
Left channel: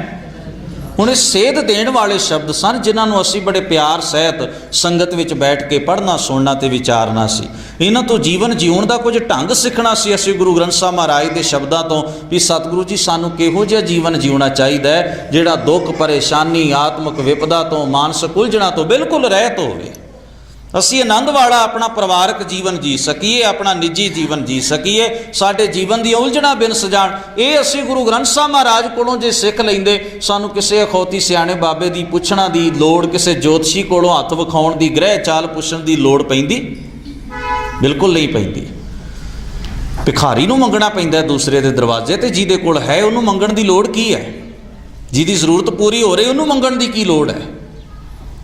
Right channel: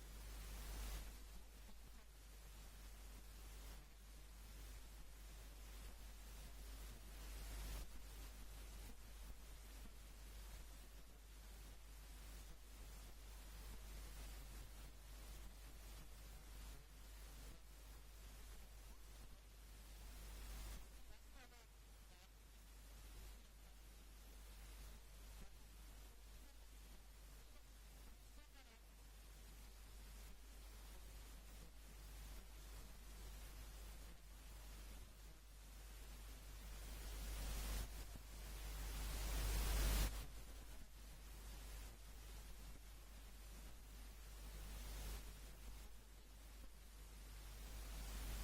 ਹੁਣ ਇਹ ਸੇਧ ਦੇਣ ਵਾਲੇ ਸ਼ਬਦ ਸਨ, ਜਿਨ੍ਹਾਂ ਨੂੰ ਅਸੀਂ ਬੜੇ ਪਿਆਰ ਸਹਿਤ ਸੰਗਤ ਵਿੱਚ ਬੈਠ ਕੇ ਪੜ੍ਹਨਾ, ਸੁਣਨਾ ਤੇ ਵਿਚਾਰਨਾ ਸੀ। ਇਹਨਾਂ ਤੋਂ ਜੀਵਨ ਜਿਉਣ ਦਾ ਕੁਝ ਢੰਗ ਸਿੱਖਣਾ ਸੀ ਅਸੀਂ ਗੁਰੂ ਗ੍ਰੰਥ ਸਾਹਿਬ ਮਹਾਰਾਜ ਦੇ ਸ਼ਬਦਾਂ ਤੋਂ, ਵੀ ਸਤਿਗੁਰੂ ਜੀ ਸਾਨੂੰ ਕਿਹੋ ਜਿਹਾ ਜੀਵਨ ਜਿਉਣਾ ਚਾਹੀਦਾ ਹੈ, ਜਿਹੜਾ ਦੁੱਖ ਪਰੇਸ਼ਾਨੀ, ਆਤਮਿਕ ਵਿਪਦਾ ਤੋਂ, ਮਾਨਸਿਕ ਉਲਝਣਾਂ ਤੋਂ ਬਿਲਕੁਲ ਰਹਿਤ ਹੋਵੇ। ਅਸੀਂ ਆਨੰਦ ਵਾਲਾ ਆਪਣਾ ਪਰਿਵਾਰਕ ਜੀਵਨ ਜੀ ਸਕੀਏ, ਆਪਣਾ ਨਿੱਜੀ ਜੀਵਨ ਜੀ ਸਕੀਏ, ਸਾਡੇ ਜੀਵਨ ਦੀਆਂ ਉਲਝਣਾਂ ਬਿਨਸ ਜਾਣ। ਇਹ ਅਸੀਂ ਗੁਰੂ ਗ੍ਰੰਥ ਸਾਹਿਬ ਮਹਾਰਾਜ ਕੋਲੋਂ ਜੇ ਸਿੱਖ ਲੈਂਦੇ, ਸਾਨੂੰ ਕਿਸੇ ਅਖੌਤੀ ਸਿਆਣੇ ਬਾਬੇ ਦੀ ਪੁੱਛਣਾ ਦੀ ਲੋੜ, ਕਿਸੇ ਜੋਤਸ਼ੀ ਕੋਲੋਂ ਹੱਥ ਵਿਖਾਉਣ ਦੀ, ਗ੍ਰਹਿ ਚਾਲ ਪੁੱਛਣ ਦੀ ਲੋੜ ਪੈਂਦੀ? ਬਿਲਕੁਲ ਨਹੀਂ ਪੈਂਦੀ। ਭਿਖਾਰੀ ਨੂੰ ਮੰਗਣਾ ਪੈਂਦਾ ਦੂਸਰੇ ਦੇ ਦਰਵਾਜ਼ੇ ਤੇ, ਜਿਹਦੇ ਕੋਲ ਹੈ ਉਹਨੂੰ ਮੰਗਣ ਦੀ ਲੋੜ ਕੀ ਹੈ? ਜਿਹਦੀ ਜ਼ਰੂਰਤ ਪੂਰੀ ਹੋ ਰਹੀ ਉਹਨੂੰ ਮੰਗਣ ਦੀ ਕੀ ਲੋੜ ਹੈ?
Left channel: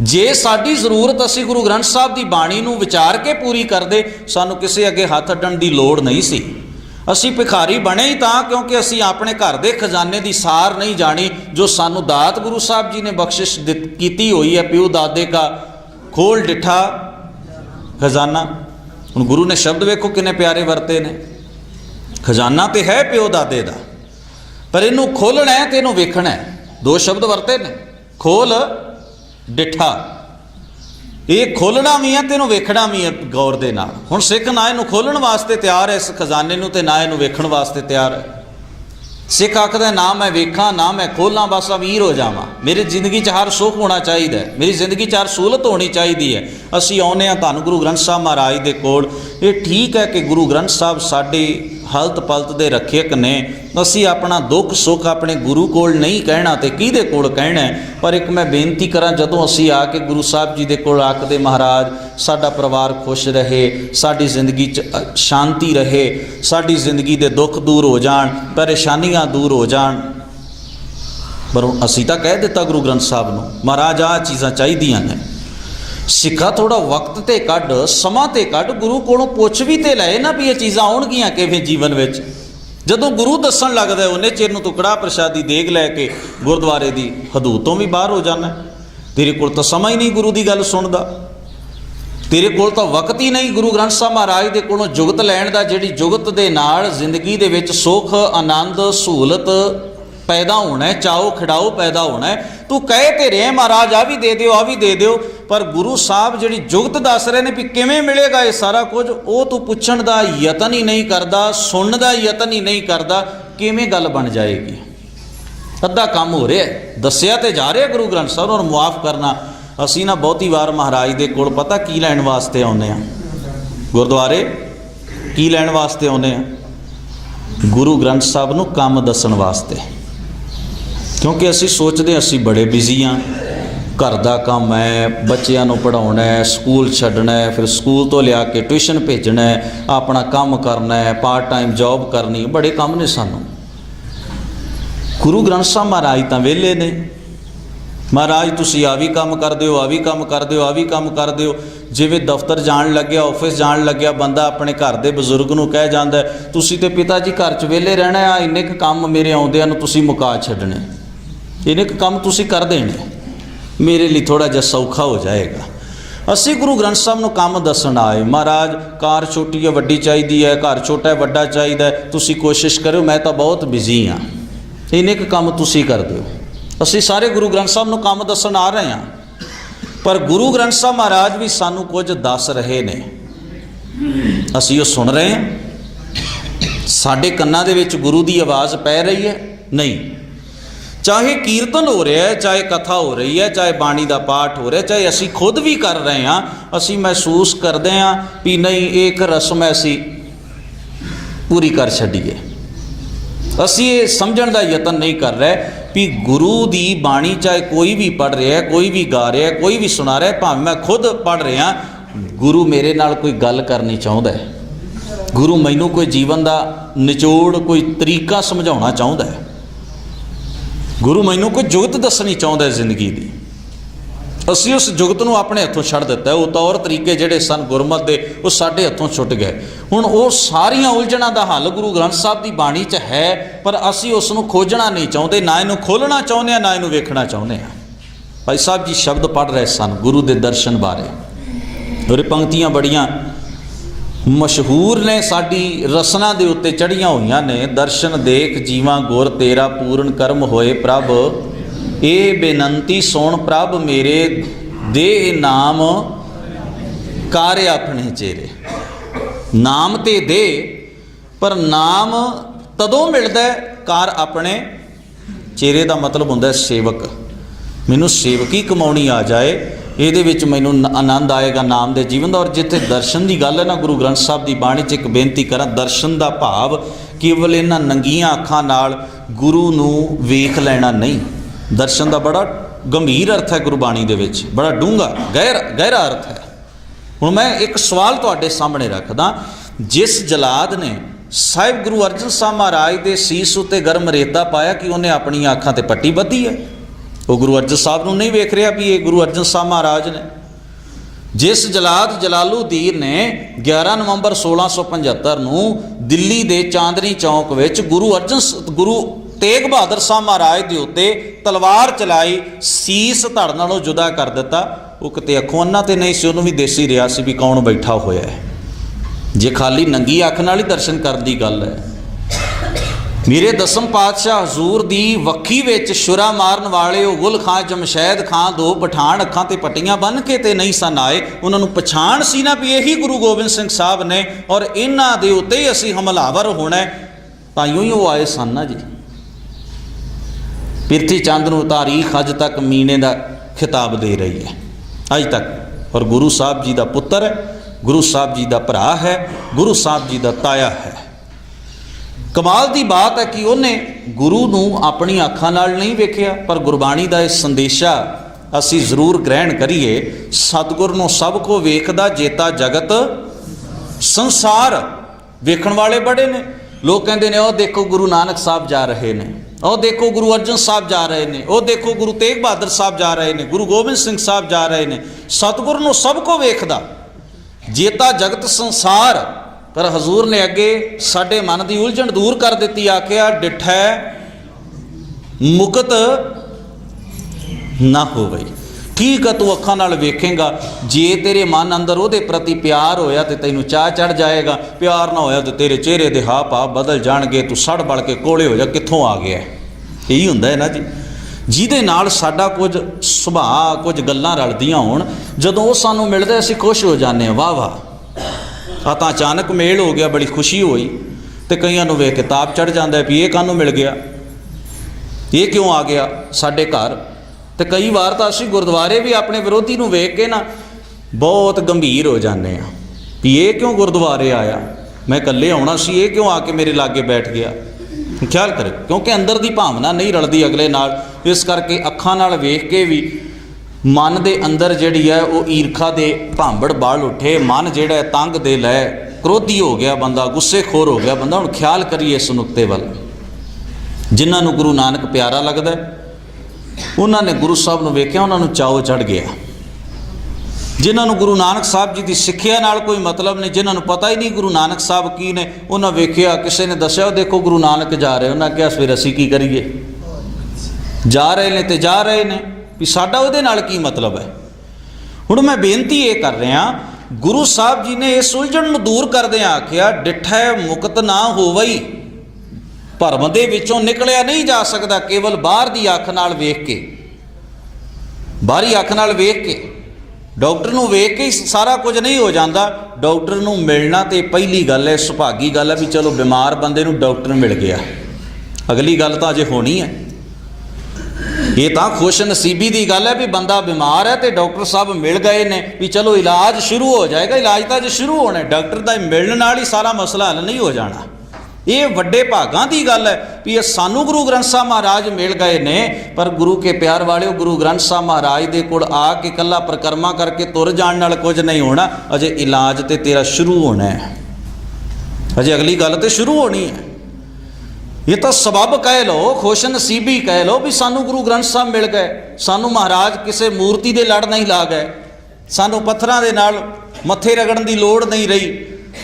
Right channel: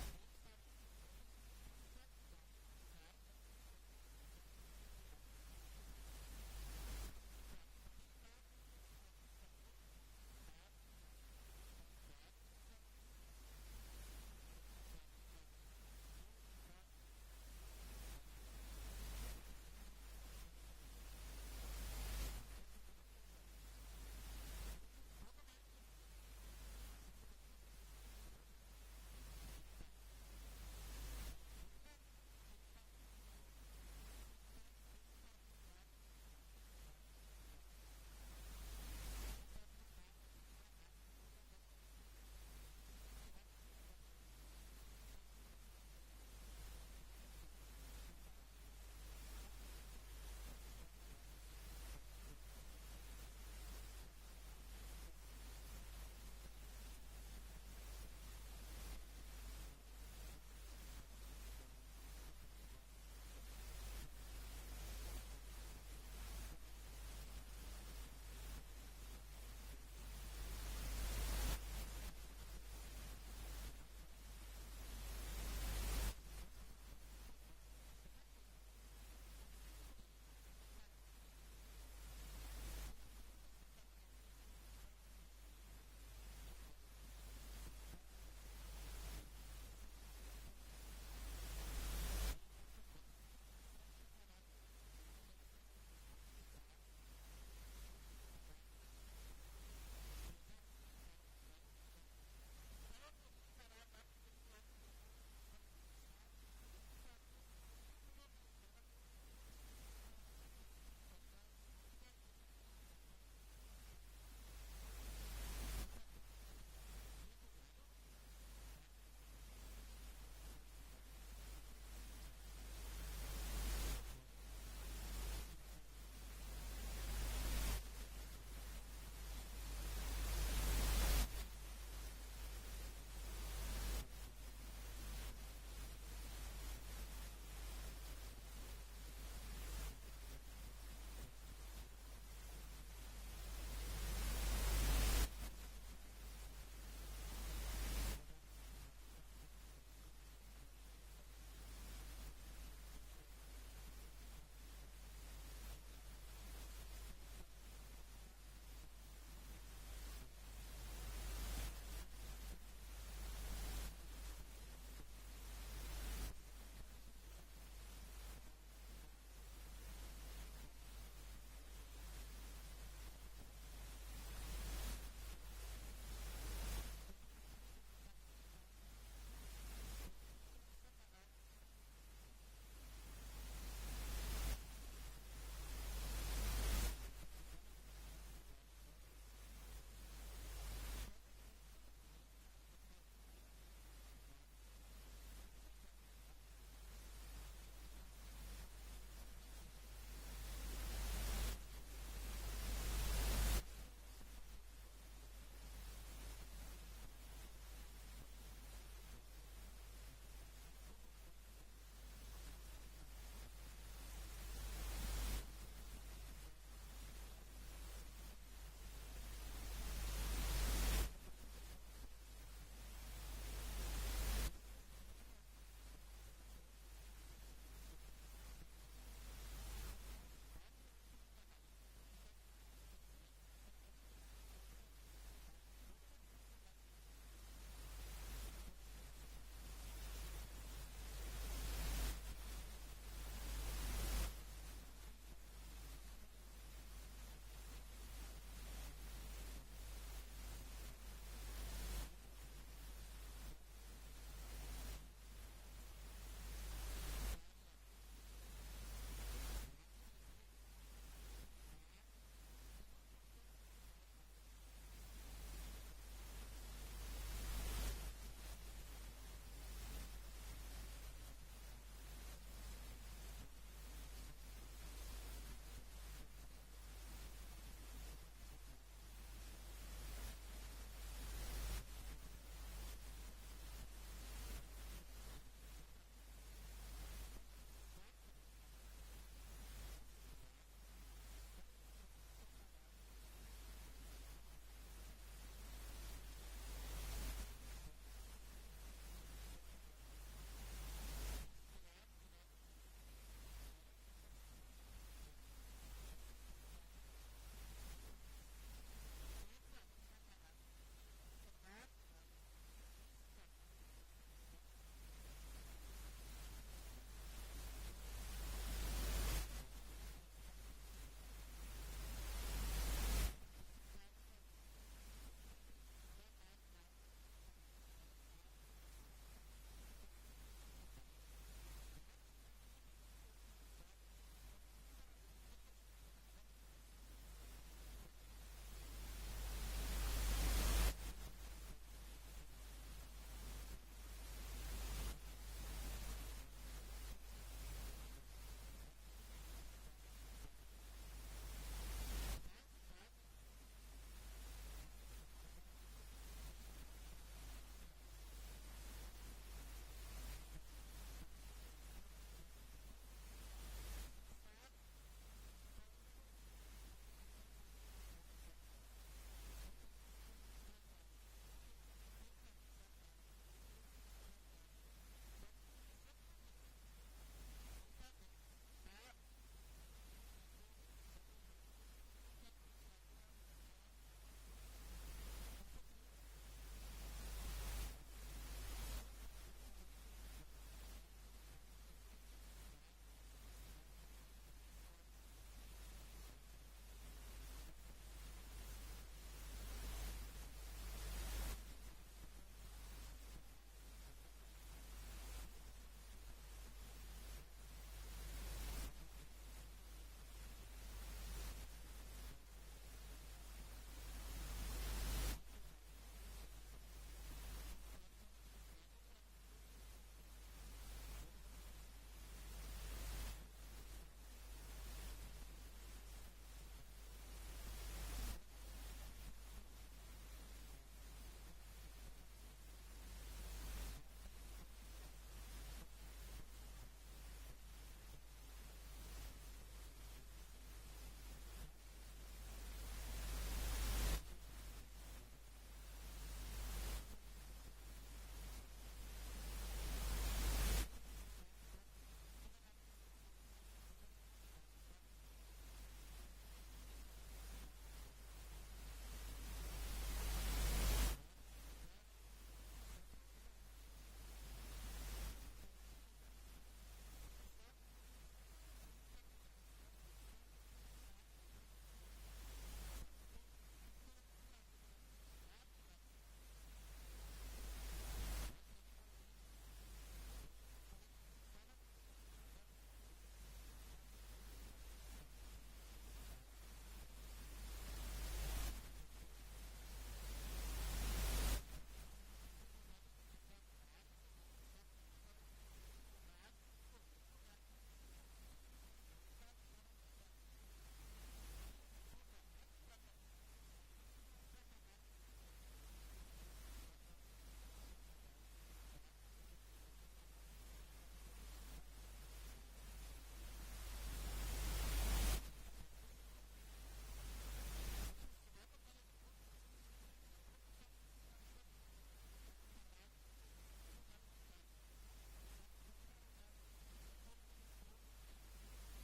ਜੇ ਸਾਡੀ ਜ਼ਰੂਰਤ ਅਸੀਂ ਗੁਰੂ ਗ੍ਰੰਥ ਸਾਹਿਬ ਦੀ ਬਾਣੀ ਨੂੰ ਵਿਚਾਰ ਕੇ ਪੂਰੀ ਕਰਦੇ, ਸਾਨੂੰ ਕਿਸੇ ਅੱਗੇ ਹੱਥ ਅੱਡਣ ਦੀ ਲੋੜ ਨਹੀਂ ਸੀ। ਅਸੀਂ ਭਿਖਾਰੀ ਬਣੇ ਹੀ ਤਾਂ ਕਿਉਂਕਿ ਅਸੀਂ ਆਪਣੇ ਘਰ ਦੇ ਖਜ਼ਾਨੇ ਦੀ ਸਾਰ ਨਹੀਂ ਜਾਣੀ, ਜੋ ਸਾਨੂੰ ਦਾਤ ਗੁਰੂ ਸਾਹਿਬ ਜੀ ਨੇ ਬਖਸ਼ਿਸ਼ ਕੀਤੀ ਹੋਈ ਹੈ। ਪਿਓ ਦਾਦੇ ਕਾ ਖੋਲ ਡਿੱਠਾ ਖਜ਼ਾਨਾ। ਹੁਣ ਗੁਰੂ ਨੇ ਸ਼ਬਦ ਵੇਖੋ ਕਿੰਨੇ ਪਿਆਰੇ ਵਰਤੇ ਨੇ। ਖਜ਼ਾਨਾ ਤੇ ਹੈ ਪਿਓ ਦਾਦੇ ਦਾ, ਪਰ ਇਹਨੂੰ ਖੋਲ੍ਹਣਾ ਹੈ ਤੇ ਇਹਨੂੰ ਵੇਖਣਾ ਹੈ। ਦੋ ਸ਼ਬਦ ਵਰਤੇ ਨੇ, ਖੋਲ ਡਿੱਠਾ। ਇਹ ਖੋਲ੍ਹਣਾ ਵੀ ਹੈ ਤੇ ਇਹਨੂੰ ਵੇਖਣਾ ਵੀ ਹੈ ਗੌਰ ਦੇ ਨਾਲ। ਹੁਣ ਸਿੱਖ ਨਾ ਇਹਨੂੰ ਖੋਲ੍ਹਣ ਵਾਸਤੇ ਤਿਆਰ ਹੈ ਇਸ ਖਜ਼ਾਨੇ ਨੂੰ, ਤੇ ਨਾ ਇਹਨੂੰ ਵੇਖਣ ਵਾਸਤੇ ਤਿਆਰ ਹੈ। ਸਿੱਖ ਆਖਦਾ ਨਾ ਮੈਂ ਵੇਖਾਂ ਨਾ ਮੈਂ ਖੋਲ੍ਹਾਂ, ਬਸ ਅਮੀਰ ਹੋ ਜਾਵਾਂ। ਮੇਰੀ ਜ਼ਿੰਦਗੀ 'ਚ ਹਰ ਸੁੱਖ ਹੋਣਾ ਚਾਹੀਦਾ ਹੈ, ਮੇਰੀ ਜ਼ਿੰਦਗੀ 'ਚ ਹਰ ਸਹੂਲਤ ਹੋਣੀ ਚਾਹੀਦੀ ਹੈ। ਅਸੀਂ ਆਉਂਦੇ ਹਾਂ ਧੰਨ ਗੁਰੂ ਗ੍ਰੰਥ ਸਾਹਿਬ ਮਹਾਰਾਜ ਦੇ ਕੋਲ। ਇਹ ਠੀਕ ਹੈ ਕਿ ਗੁਰੂ ਗ੍ਰੰਥ ਸਾਹਿਬ ਸਾਡੇ ਹਲਤ ਪਲਤ ਦੇ ਰੱਖਿਅਕ ਨੇ। ਅਸੀਂ ਆਪਣਾ ਦੁੱਖ ਸੁੱਖ ਆਪਣੇ ਗੁਰੂ ਕੋਲ ਨਹੀਂ ਕਹਿਣਾ ਤੇ ਕਿਹਦੇ ਕੋਲ ਕਹਿਣਾ? ਪਰ ਇੱਕ ਮੈਂ ਬੇਨਤੀ ਕਰਾਂ, ਜਦੋਂ ਅਸੀਂ ਆ ਕੇ ਗੁਰੂ ਸਾਹਿਬ ਜੀ ਦੇ ਕੋਲ ਆਖਦੇ ਮਹਾਰਾਜ ਸਾਡਾ ਪਰਿਵਾਰ ਖੁਸ਼ ਰਹੇ, ਸਾਡੀ ਜ਼ਿੰਦਗੀ 'ਚ ਸ਼ਾਂਤੀ ਰਹੇ, ਸਾਡੀ ਜ਼ਿੰਦਗੀ ਦੇ ਦੁੱਖ ਦੂਰ ਹੋ ਜਾਣ, ਪਰੇਸ਼ਾਨੀਆਂ ਦੂਰ ਹੋ ਜਾਣ, ਪਰ ਅਸੀਂ ਤਾਂ ਕਹਿ ਦਿੱਤਾ ਗੁਰੂ ਗ੍ਰੰਥ ਸਾਹਿਬ ਨੂੰ ਮਹਾਰਾਜ ਆਹ ਚੀਜ਼ਾਂ ਚਾਹੀਦੀਆਂ ਨੇ। ਸਿੱਖਾ ਥੋੜਾ ਵਕਤ ਤੇ ਕੱਢ, ਸਮਾਂ ਤੇ ਕੱਢ, ਗੁਰੂ ਕੋਲੋਂ ਪੁੱਛ ਵੀ ਤੇ ਲੈ ਨਾ ਵੀ ਇਹ ਚੀਜ਼ਾਂ ਆਉਣਗੀਆਂ ਕਿਵੇਂ ਜੀਵਨ ਵਿੱਚ। ਜਦੋਂ ਗੁਰੂ ਦੱਸਣ ਲੱਗਦਾ ਉਹਨੇ ਚਿਰ ਨੂੰ ਤੂੰ ਕੜਾਹ ਪ੍ਰਸ਼ਾਦੀ ਦੇਗ ਲੈ ਕੇ ਗੁਰਦੁਆਰੇ ਦੀ ਹਦੂਦ ਤੋਂ ਵੀ ਬਾਹਰ ਹੋ ਜਾਣਾ। ਤੇਰੇ ਕੋਲ ਤਾਂ ਸਮਾਂ ਹੀ ਨਹੀਂ ਗੁਰੂ ਦੀ ਗੱਲ ਸੁਣਦਾ, ਤੇਰੇ ਕੋਲ ਤਾਂ ਵਕਤ ਹੀ ਨਹੀਂ ਗੁਰੂ ਗ੍ਰੰਥ ਸਾਹਿਬ ਮਹਾਰਾਜ ਦੇ ਕੋਲੋਂ ਜੁਗਤ ਲੈਣ ਦਾ, ਜਿਹੜੀ ਜੁਗਤ ਦੇ ਨਾਲ ਜ਼ਿੰਦਗੀ ਦੇ ਵਿੱਚ ਸੁੱਖ ਆਨੰਦ ਸਹੂਲਤ ਪੈਦਾ ਹੋਣਾ, ਚਾਓ ਖਿਡਾਓ ਪੈਦਾ ਹੋਣਾ। ਤੂੰ ਕਹਿ ਤੇ ਰਹੇ ਮਹਾਰਾਜ ਆ ਵੀ ਦੇ ਦਿਓ ਆ ਵੀ ਦੇ ਦਿਓ, ਪਰ ਗੁਰੂ ਸਾਹਿਬ ਜਿਹੜੀ ਜੁਗਤ ਦੱਸ ਰਹੇ ਨੇ ਵੀ ਕਿਵੇਂ ਮਿਲੇਗਾ ਇਹ ਸਾਰਾ ਕੁਝ, ਉਹ ਤੂੰ ਪੁੱਛਣ ਦਾ ਯਤਨ ਹੀ ਨਹੀਂ ਕਰਦਾ, ਸੁਣਨ ਦਾ ਯਤਨ ਹੀ ਨਹੀਂ ਕਰਦਾ। ਕਿਵੇਂ ਗੱਲ ਬਣ ਜਾਏਗੀ? ਅੱਧਾ ਕੰਮ ਹੋ ਰਿਹਾ, ਦੱਸਿਆ ਤੇ ਜਾ ਰਿਹਾ ਗੁਰੂ ਗ੍ਰੰਥ ਸਾਹਿਬ ਨੂੰ ਮੁਆਫ ਕਰਨਾ। ਅਸੀਂ ਨਾ ਬਹੁਤੀ ਵਾਰ ਮਹਾਰਾਜ ਦੇ ਕੋਲ ਪਤਾ ਕੀ ਲੈਣ ਵਾਸਤੇ ਆਉਂਦੇ ਹਾਂ? ਗੁਰਦੁਆਰੇ ਕੀ ਲੈਣ ਵਾਸਤੇ ਆਉਂਦੇ ਹਾਂ? ਗੁਰੂ ਗ੍ਰੰਥ ਸਾਹਿਬ ਨੂੰ ਕੰਮ ਦੱਸਣ ਵਾਸਤੇ। ਕਿਉਂਕਿ ਅਸੀਂ ਸੋਚਦੇ ਅਸੀਂ ਬੜੇ ਬਿਜ਼ੀ ਹਾਂ, ਘਰ ਦਾ ਕੰਮ ਹੈ, ਬੱਚਿਆਂ ਨੂੰ ਪੜ੍ਹਾਉਣਾ ਹੈ, ਸਕੂਲ ਛੱਡਣਾ ਹੈ, ਫਿਰ ਸਕੂਲ ਤੋਂ ਲਿਆ ਕੇ ਟਿਊਸ਼ਨ ਭੇਜਣਾ ਹੈ, ਆਪਣਾ ਕੰਮ ਕਰਨਾ ਹੈ, ਪਾਰਟ ਟਾਈਮ ਜੌਬ ਕਰਨੀ, ਬੜੇ ਕੰਮ ਨੇ ਸਾਨੂੰ। ਗੁਰੂ ਗ੍ਰੰਥ ਸਾਹਿਬ ਮਹਾਰਾਜ ਤਾਂ ਵਿਹਲੇ ਨੇ। ਮਹਾਰਾਜ ਤੁਸੀਂ ਆ ਵੀ ਕੰਮ ਕਰ ਦਿਓ, ਆ ਵੀ ਕੰਮ ਕਰ ਦਿਓ, ਆ ਵੀ ਕੰਮ ਕਰ ਦਿਓ। ਜਿਵੇਂ ਦਫ਼ਤਰ ਜਾਣ ਲੱਗਿਆ, ਆਫਿਸ ਜਾਣ ਲੱਗਿਆ ਬੰਦਾ ਆਪਣੇ ਘਰ ਦੇ ਬਜ਼ੁਰਗ ਨੂੰ ਕਹਿ ਜਾਂਦਾ ਤੁਸੀਂ ਤੇ ਪਿਤਾ ਜੀ ਘਰ 'ਚ ਵਿਹਲੇ ਰਹਿਣਾ ਆ, ਇੰਨੇ ਕੁ ਕੰਮ ਮੇਰੇ ਆਉਂਦਿਆਂ ਨੂੰ ਤੁਸੀਂ ਮੁਕਾ ਛੱਡਣੇ, ਇੰਨੇ ਕੁ ਕੰਮ ਤੁਸੀਂ ਕਰ ਦੇਣੇ, ਮੇਰੇ ਲਈ ਥੋੜ੍ਹਾ ਜਿਹਾ ਸੌਖਾ ਹੋ ਜਾਏਗਾ। ਅਸੀਂ ਗੁਰੂ ਗ੍ਰੰਥ ਸਾਹਿਬ ਨੂੰ ਕੰਮ ਦੱਸਣ ਆਏ। ਮਹਾਰਾਜ ਕਾਰ ਛੋਟੀ ਹੈ ਵੱਡੀ ਚਾਹੀਦੀ ਹੈ, ਘਰ ਛੋਟਾ ਹੈ ਵੱਡਾ ਚਾਹੀਦਾ, ਤੁਸੀਂ ਕੋਸ਼ਿਸ਼ ਕਰਿਓ, ਮੈਂ ਤਾਂ ਬਹੁਤ ਬਿਜ਼ੀ ਹਾਂ, ਇੰਨੇ ਕੁ ਕੰਮ ਤੁਸੀਂ ਕਰ ਦਿਓ। ਅਸੀਂ ਸਾਰੇ ਗੁਰੂ ਗ੍ਰੰਥ ਸਾਹਿਬ ਨੂੰ ਕੰਮ ਦੱਸਣ ਆ ਰਹੇ ਹਾਂ, ਪਰ ਗੁਰੂ ਗ੍ਰੰਥ ਸਾਹਿਬ ਮਹਾਰਾਜ ਵੀ ਸਾਨੂੰ ਕੁਝ ਦੱਸ ਰਹੇ ਨੇ, ਅਸੀਂ ਉਹ ਸੁਣ ਰਹੇ ਹਾਂ। ਸਾਡੇ ਕੰਨਾਂ ਦੇ ਵਿੱਚ ਗੁਰੂ ਦੀ ਆਵਾਜ਼ ਪੈ ਰਹੀ ਹੈ? ਨਹੀਂ। ਚਾਹੇ ਕੀਰਤਨ ਹੋ ਰਿਹਾ ਹੈ, ਚਾਹੇ ਕਥਾ ਹੋ ਰਹੀ ਹੈ, ਚਾਹੇ ਬਾਣੀ ਦਾ ਪਾਠ ਹੋ ਰਿਹਾ, ਚਾਹੇ ਅਸੀਂ ਖੁਦ ਵੀ ਕਰ ਰਹੇ ਹਾਂ, ਅਸੀਂ ਮਹਿਸੂਸ ਕਰਦੇ ਹਾਂ ਵੀ ਨਹੀਂ, ਇਹ ਇੱਕ ਰਸਮ ਅਸੀਂ ਪੂਰੀ ਕਰ ਛੱਡੀਏ। ਅਸੀਂ ਇਹ ਸਮਝਣ ਦਾ ਯਤਨ ਨਹੀਂ ਕਰ ਰਹੇ ਵੀ ਗੁਰੂ ਦੀ ਬਾਣੀ ਚਾਹੇ ਕੋਈ ਵੀ ਪੜ੍ਹ ਰਿਹਾ, ਕੋਈ ਵੀ ਗਾ ਰਿਹਾ, ਕੋਈ ਵੀ ਸੁਣਾ ਰਿਹਾ, ਭਾਵੇਂ ਮੈਂ ਖੁਦ ਪੜ੍ਹ ਰਿਹਾ, ਗੁਰੂ ਮੇਰੇ ਨਾਲ ਕੋਈ ਗੱਲ ਕਰਨੀ ਚਾਹੁੰਦਾ ਹੈ, ਗੁਰੂ ਮੈਨੂੰ ਕੋਈ ਜੀਵਨ ਦਾ ਨਿਚੋੜ, ਕੋਈ ਤਰੀਕਾ ਸਮਝਾਉਣਾ ਚਾਹੁੰਦਾ ਹੈ, ਗੁਰੂ ਮੈਨੂੰ ਕੋਈ ਜੁਗਤ ਦੱਸਣੀ ਚਾਹੁੰਦਾ ਹੈ ਜ਼ਿੰਦਗੀ ਦੀ। ਅਸੀਂ ਉਸ ਜੁਗਤ ਨੂੰ ਆਪਣੇ ਹੱਥੋਂ ਛੱਡ ਦਿੱਤਾ। ਉਹ ਤੌਰ ਤਰੀਕੇ ਜਿਹੜੇ ਸਨ ਗੁਰਮਤ ਦੇ, ਉਹ ਸਾਡੇ ਹੱਥੋਂ ਛੁੱਟ ਗਏ। ਹੁਣ ਉਹ ਸਾਰੀਆਂ ਉਲਝਣਾਂ ਦਾ ਹੱਲ ਗੁਰੂ ਗ੍ਰੰਥ ਸਾਹਿਬ ਦੀ ਬਾਣੀ 'ਚ ਹੈ, ਪਰ ਅਸੀਂ ਉਸ ਨੂੰ ਖੋਜਣਾ ਨਹੀਂ ਚਾਹੁੰਦੇ, ਨਾ ਇਹਨੂੰ ਖੋਲ੍ਹਣਾ ਚਾਹੁੰਦੇ ਹਾਂ, ਨਾ ਇਹਨੂੰ ਵੇਖਣਾ ਚਾਹੁੰਦੇ ਹਾਂ। ਭਾਈ ਸਾਹਿਬ ਜੀ ਸ਼ਬਦ ਪੜ੍ਹ ਰਹੇ ਸਨ ਗੁਰੂ ਦੇ ਦਰਸ਼ਨ ਬਾਰੇ, ਔਰ ਪੰਕਤੀਆਂ ਬੜੀਆਂ ਮਸ਼ਹੂਰ ਨੇ, ਸਾਡੀ ਰਸਨਾ ਦੇ ਉੱਤੇ ਚੜ੍ਹੀਆਂ ਹੋਈਆਂ ਨੇ। ਦਰਸ਼ਨ ਦੇਖ ਜੀਵਾਂ ਗੁਰ ਤੇਰਾ, ਪੂਰਨ ਕਰਮ ਹੋਏ ਪ੍ਰਭ, ਇਹ ਬੇਨੰਤੀ ਸੁਣ ਪ੍ਰਭ ਮੇਰੇ, ਦੇ ਨਾਮ ਕਾਰ ਆਪਣੇ ਚਿਹਰੇ। ਨਾਮ ਤੇ ਦੇ, ਪਰ ਨਾਮ ਤਦੋਂ ਮਿਲਦਾ ਕਾਰ ਆਪਣੇ ਚਿਹਰੇ ਦਾ ਮਤਲਬ ਹੁੰਦਾ ਸੇਵਕ। ਮੈਨੂੰ ਸੇਵਕੀ ਕਮਾਉਣੀ ਆ ਜਾਏ, ਇਹਦੇ ਵਿੱਚ ਮੈਨੂੰ ਆਨੰਦ ਆਏਗਾ ਨਾਮ ਦੇ ਜੀਵਨ ਦਾ। ਔਰ ਜਿੱਥੇ ਦਰਸ਼ਨ ਦੀ ਗੱਲ ਹੈ ਨਾ, ਗੁਰੂ ਗ੍ਰੰਥ ਸਾਹਿਬ ਦੀ ਬਾਣੀ 'ਚ ਇੱਕ ਬੇਨਤੀ ਕਰਾਂ, ਦਰਸ਼ਨ ਦਾ ਭਾਵ ਕੇਵਲ ਇਹਨਾਂ ਨੰਗੀਆਂ ਅੱਖਾਂ ਨਾਲ ਗੁਰੂ ਨੂੰ ਵੇਖ ਲੈਣਾ ਨਹੀਂ। ਦਰਸ਼ਨ ਦਾ ਬੜਾ ਗੰਭੀਰ ਅਰਥ ਹੈ ਗੁਰਬਾਣੀ ਦੇ ਵਿੱਚ, ਬੜਾ ਡੂੰਘਾ ਗਹਿਰਾ ਅਰਥ ਹੈ। ਹੁਣ ਮੈਂ ਇੱਕ ਸਵਾਲ ਤੁਹਾਡੇ ਸਾਹਮਣੇ ਰੱਖਦਾ। ਜਿਸ ਜਲਾਦ ਨੇ ਸਾਹਿਬ ਗੁਰੂ ਅਰਜਨ ਸਾਹਿਬ ਮਹਾਰਾਜ ਦੇ ਸੀਸ ਉੱਤੇ ਗਰਮ ਰੇਤਾ ਪਾਇਆ, ਕਿ ਉਹਨੇ ਆਪਣੀਆਂ ਅੱਖਾਂ ਤੇ ਪੱਟੀ ਬੱਧੀ ਹੈ? ਉਹ ਗੁਰੂ ਅਰਜਨ ਸਾਹਿਬ ਨੂੰ ਨਹੀਂ ਵੇਖ ਰਿਹਾ ਵੀ ਇਹ ਗੁਰੂ ਅਰਜਨ ਸਾਹਿਬ ਮਹਾਰਾਜ ਨੇ। ਜਿਸ ਜਲਾਦ ਜਲਾਲੂਦੀਨ ਨੇ 11 ਨਵੰਬਰ 1675 ਨੂੰ ਦਿੱਲੀ ਦੇ ਚਾਂਦਨੀ ਚੌਂਕ ਵਿੱਚ ਗੁਰੂ ਤੇਗ ਬਹਾਦਰ ਸਾਹਿਬ ਮਹਾਰਾਜ ਦੇ ਉੱਤੇ ਤਲਵਾਰ ਚਲਾਈ, ਸੀਸ ਧੜ ਨਾਲੋਂ ਜੁਦਾ ਕਰ ਦਿੱਤਾ, ਉਹ ਕਿਤੇ ਅੱਖੋਂ ਅੰਨਾ ਤੇ ਨਹੀਂ ਸੀ, ਉਹਨੂੰ ਵੀ ਦੇਸੀ ਰਿਹਾ ਸੀ ਵੀ ਕੌਣ ਬੈਠਾ ਹੋਇਆ ਹੈ। ਜੇ ਖਾਲੀ ਨੰਗੀ ਅੱਖ ਨਾਲ ਹੀ ਦਰਸ਼ਨ ਕਰਨ ਦੀ ਗੱਲ ਹੈ, ਮੇਰੇ ਦਸਮ ਪਾਤਸ਼ਾਹ ਹਜ਼ੂਰ ਦੀ ਵੱਖੀ ਵਿੱਚ ਛੁਰਾ ਮਾਰਨ ਵਾਲੇ ਉਹ ਗੁਲ ਖਾਂ ਜਮਸ਼ੈਦ ਖਾਂ, ਦੋ ਪਠਾਨ ਅੱਖਾਂ ਤੇ ਪੱਟੀਆਂ ਬੰਨ੍ਹ ਕੇ ਤੇ ਨਹੀਂ ਸਨ ਆਏ। ਉਹਨਾਂ ਨੂੰ ਪਛਾਣ ਸੀ ਨਾ ਵੀ ਇਹੀ ਗੁਰੂ ਗੋਬਿੰਦ ਸਿੰਘ ਸਾਹਿਬ ਨੇ, ਔਰ ਇਹਨਾਂ ਦੇ ਉੱਤੇ ਹੀ ਅਸੀਂ ਹਮਲਾਵਰ ਹੋਣਾ, ਤਾਂ ਹੀ ਉਹ ਆਏ ਸਨ ਨਾ ਜੀ। ਪਿਰਥੀ ਚੰਦ ਨੂੰ ਤਾਰੀਖ ਅੱਜ ਤੱਕ ਮੀਨੇ ਦਾ ਖਿਤਾਬ ਦੇ ਰਹੀ ਹੈ, ਅੱਜ ਤੱਕ। ਔਰ ਗੁਰੂ ਸਾਹਿਬ ਜੀ ਦਾ ਪੁੱਤਰ ਹੈ, ਗੁਰੂ ਸਾਹਿਬ ਜੀ ਦਾ ਭਰਾ ਹੈ, ਗੁਰੂ ਸਾਹਿਬ ਜੀ ਦਾ ਤਾਇਆ ਹੈ। ਕਮਾਲ ਦੀ ਬਾਤ ਹੈ ਕਿ ਉਹਨੇ ਗੁਰੂ ਨੂੰ ਆਪਣੀ ਅੱਖਾਂ ਨਾਲ ਨਹੀਂ ਵੇਖਿਆ, ਪਰ ਗੁਰਬਾਣੀ ਦਾ ਇਹ ਸੰਦੇਸ਼ਾ ਅਸੀਂ ਜ਼ਰੂਰ ਗ੍ਰਹਿਣ ਕਰੀਏ। ਸਤਿਗੁਰ ਨੂੰ ਸਭ ਕੋ ਵੇਖਦਾ ਜੇਤਾ ਜਗਤ ਸੰਸਾਰ। ਵੇਖਣ ਵਾਲੇ ਬੜੇ ਨੇ। ਲੋਕ ਕਹਿੰਦੇ ਨੇ ਉਹ ਦੇਖੋ ਗੁਰੂ ਨਾਨਕ ਸਾਹਿਬ ਜਾ ਰਹੇ ਨੇ, ਉਹ ਦੇਖੋ ਗੁਰੂ ਅਰਜਨ ਸਾਹਿਬ ਜਾ ਰਹੇ ਨੇ, ਉਹ ਦੇਖੋ ਗੁਰੂ ਤੇਗ ਬਹਾਦਰ ਸਾਹਿਬ ਜਾ ਰਹੇ ਨੇ, ਗੁਰੂ ਗੋਬਿੰਦ ਸਿੰਘ ਸਾਹਿਬ ਜਾ ਰਹੇ ਨੇ। ਸਤਿਗੁਰ ਨੂੰ ਸਭ ਕੋ ਵੇਖਦਾ ਜੇਤਾ ਜਗਤ ਸੰਸਾਰ। ਪਰ ਹਜ਼ੂਰ ਨੇ ਅੱਗੇ ਸਾਡੇ ਮਨ ਦੀ ਉਲਝਣ ਦੂਰ ਕਰ ਦਿੱਤੀ, ਆਖਿਆ ਡਿਠੈ ਮੁਕਤ ਨਾ ਹੋਵੇ। ਠੀਕ ਆ, ਤੂੰ ਅੱਖਾਂ ਨਾਲ ਵੇਖੇਂਗਾ, ਜੇ ਤੇਰੇ ਮਨ ਅੰਦਰ ਉਹਦੇ ਪ੍ਰਤੀ ਪਿਆਰ ਹੋਇਆ ਤੇ ਤੈਨੂੰ ਚਾਹ ਚੜ ਜਾਏਗਾ, ਪਿਆਰ ਨਾ ਹੋਇਆ ਤੇ ਤੇਰੇ ਚਿਹਰੇ ਦੇ ਹਾਵ ਭਾਵ ਬਦਲ ਜਾਣਗੇ, ਤੂੰ ਸੜ ਬਲ ਕੇ ਕੋਲੇ ਹੋ ਜਾ, ਕਿੱਥੋਂ ਆ ਗਿਆ। ਇਹੀ ਹੁੰਦਾ ਹੈ ਨਾ ਜੀ, ਜਿਹਦੇ ਨਾਲ ਸਾਡਾ ਕੁਝ ਸੁਭਾਅ, ਕੁਝ ਗੱਲਾਂ ਰਲਦੀਆਂ ਹੋਣ, ਜਦੋਂ ਉਹ ਸਾਨੂੰ ਮਿਲਦਾ ਅਸੀਂ ਖੁਸ਼ ਹੋ ਜਾਂਦੇ ਹਾਂ, ਵਾਹ ਵਾਹ ਆ ਤਾਂ ਅਚਾਨਕ ਮੇਲ ਹੋ ਗਿਆ, ਬੜੀ ਖੁਸ਼ੀ ਹੋਈ। ਤੇ ਕਈਆਂ ਨੂੰ ਵੇਖ ਕੇ ਤਾਪ ਚੜ ਜਾਂਦਾ ਵੀ ਇਹ ਕਾਹਨੂੰ ਮਿਲ ਗਿਆ, ਇਹ ਕਿਉਂ ਆ ਗਿਆ ਸਾਡੇ ਘਰ। ਤੇ ਕਈ ਵਾਰ ਤਾਂ ਅਸੀਂ ਗੁਰਦੁਆਰੇ ਵੀ ਆਪਣੇ ਵਿਰੋਧੀ ਨੂੰ ਵੇਖ ਕੇ ਨਾ ਬਹੁਤ ਗੰਭੀਰ ਹੋ ਜਾਂਦੇ ਹਾਂ ਵੀ ਇਹ ਕਿਉਂ ਗੁਰਦੁਆਰੇ ਆਇਆ, ਮੈਂ ਇਕੱਲੇ ਆਉਣਾ ਸੀ, ਇਹ ਕਿਉਂ ਆ ਕੇ ਮੇਰੇ ਲਾਗੇ ਬੈਠ ਗਿਆ। ਖਿਆਲ ਕਰੇ, ਕਿਉਂਕਿ ਅੰਦਰ ਦੀ ਭਾਵਨਾ ਨਹੀਂ ਰਲਦੀ ਅਗਲੇ ਨਾਲ। ਇਸ ਕਰਕੇ ਅੱਖਾਂ ਨਾਲ ਵੇਖ ਕੇ ਵੀ ਮਨ ਦੇ ਅੰਦਰ ਜਿਹੜੀ ਹੈ ਉਹ ਈਰਖਾ ਦੇ ਭਾਂਬੜ ਬਾਲ ਉੱਠੇ, ਮਨ ਜਿਹੜਾ ਤੰਗ ਦਿਲ ਹੈ, ਕ੍ਰੋਧੀ ਹੋ ਗਿਆ ਬੰਦਾ, ਗੁੱਸੇਖੋਰ ਹੋ ਗਿਆ ਬੰਦਾ। ਹੁਣ ਖਿਆਲ ਕਰੀਏ ਇਸ ਨੁਕਤੇ ਵੱਲ। ਜਿਨ੍ਹਾਂ ਨੂੰ ਗੁਰੂ ਨਾਨਕ ਪਿਆਰਾ ਲੱਗਦਾ, ਉਹਨਾਂ ਨੇ ਗੁਰੂ ਸਾਹਿਬ ਨੂੰ ਵੇਖਿਆ, ਉਹਨਾਂ ਨੂੰ ਚਾਅ ਚੜ੍ਹ ਗਿਆ। ਜਿਨ੍ਹਾਂ ਨੂੰ ਗੁਰੂ ਨਾਨਕ ਸਾਹਿਬ ਜੀ ਦੀ ਸਿੱਖਿਆ ਨਾਲ ਕੋਈ ਮਤਲਬ ਨਹੀਂ, ਜਿਨ੍ਹਾਂ ਨੂੰ ਪਤਾ ਹੀ ਨਹੀਂ ਗੁਰੂ ਨਾਨਕ ਸਾਹਿਬ ਕੀ ਨੇ, ਉਹਨਾਂ ਵੇਖਿਆ, ਕਿਸੇ ਨੇ ਦੱਸਿਆ ਦੇਖੋ ਗੁਰੂ ਨਾਨਕ ਜਾ ਰਹੇ, ਉਹਨਾਂ ਕਿਹਾ ਫਿਰ ਅਸੀਂ ਕੀ ਕਰੀਏ, ਜਾ ਰਹੇ ਨੇ ਤੇ ਜਾ ਰਹੇ ਨੇ, ਵੀ ਸਾਡਾ ਉਹਦੇ ਨਾਲ ਕੀ ਮਤਲਬ ਹੈ। ਹੁਣ ਮੈਂ ਬੇਨਤੀ ਇਹ ਕਰ ਰਿਹਾ, ਗੁਰੂ ਸਾਹਿਬ ਜੀ ਨੇ ਇਸ ਉਲਝਣ ਨੂੰ ਦੂਰ ਕਰਦਿਆਂ ਆਖਿਆ, ਡਿਠੈ ਮੁਕਤ ਨਾ ਹੋਵਈ। ਭਰਮ ਦੇ ਵਿੱਚੋਂ ਨਿਕਲਿਆ ਨਹੀਂ ਜਾ ਸਕਦਾ ਕੇਵਲ ਬਾਹਰ ਦੀ ਅੱਖ ਨਾਲ ਵੇਖ ਕੇ, ਬਾਹਰੀ ਅੱਖ ਨਾਲ ਵੇਖ ਕੇ। ਡਾਕਟਰ ਨੂੰ ਵੇਖ ਕੇ ਹੀ ਸਾਰਾ ਕੁਝ ਨਹੀਂ ਹੋ ਜਾਂਦਾ। ਡਾਕਟਰ ਨੂੰ ਮਿਲਣਾ ਤੇ ਪਹਿਲੀ ਗੱਲ ਹੈ, ਸੁਭਾਗੀ ਗੱਲ ਹੈ ਵੀ ਚਲੋ ਬਿਮਾਰ ਬੰਦੇ ਨੂੰ ਡਾਕਟਰ ਮਿਲ ਗਿਆ। ਅਗਲੀ ਗੱਲ ਤਾਂ ਅਜੇ ਹੋਣੀ ਹੈ। ਇਹ ਤਾਂ ਖੁਸ਼ ਨਸੀਬੀ ਦੀ ਗੱਲ ਹੈ ਵੀ ਬੰਦਾ ਬਿਮਾਰ ਹੈ ਤੇ ਡਾਕਟਰ ਸਾਹਿਬ ਮਿਲ ਗਏ ਨੇ, ਵੀ ਚਲੋ ਇਲਾਜ ਸ਼ੁਰੂ ਹੋ ਜਾਏਗਾ। ਇਲਾਜ ਤਾਂ ਅਜੇ ਸ਼ੁਰੂ ਹੋਣਾ, ਡਾਕਟਰ ਦਾ ਮਿਲਣ ਨਾਲ ਹੀ ਸਾਰਾ ਮਸਲਾ ਹੱਲ ਨਹੀਂ ਹੋ ਜਾਣਾ। ਇਹ ਵੱਡੇ ਭਾਗਾਂ ਦੀ ਗੱਲ ਹੈ ਵੀ ਇਹ ਸਾਨੂੰ ਗੁਰੂ ਗ੍ਰੰਥ ਸਾਹਿਬ ਮਹਾਰਾਜ ਮਿਲ ਗਏ ਨੇ। ਪਰ ਗੁਰੂ ਕੇ ਪਿਆਰ ਵਾਲਿਓ, ਗੁਰੂ ਗ੍ਰੰਥ ਸਾਹਿਬ ਮਹਾਰਾਜ ਦੇ ਕੋਲ ਆ ਕੇ ਇਕੱਲਾ ਪਰਿਕਰਮਾ ਕਰਕੇ ਤੁਰ ਜਾਣ ਨਾਲ ਕੁਝ ਨਹੀਂ ਹੋਣਾ। ਅਜੇ ਇਲਾਜ ਤੇ ਤੇਰਾ ਸ਼ੁਰੂ ਹੋਣਾ ਹੈ, ਅਜੇ ਅਗਲੀ ਗੱਲ ਤੇ ਸ਼ੁਰੂ ਹੋਣੀ ਹੈ। ਇਹ ਤਾਂ ਸਬਬ ਕਹਿ ਲਓ, ਖੁਸ਼ ਨਸੀਬੀ ਕਹਿ ਲਓ ਵੀ ਸਾਨੂੰ ਗੁਰੂ ਗ੍ਰੰਥ ਸਾਹਿਬ ਮਿਲ ਗਏ। ਸਾਨੂੰ ਮਹਾਰਾਜ ਕਿਸੇ ਮੂਰਤੀ ਦੇ ਲੜ ਨਹੀਂ ਲਾ ਗਏ, ਸਾਨੂੰ ਪੱਥਰਾਂ ਦੇ ਨਾਲ ਮੱਥੇ ਰਗੜਨ ਦੀ ਲੋੜ ਨਹੀਂ ਰਹੀ,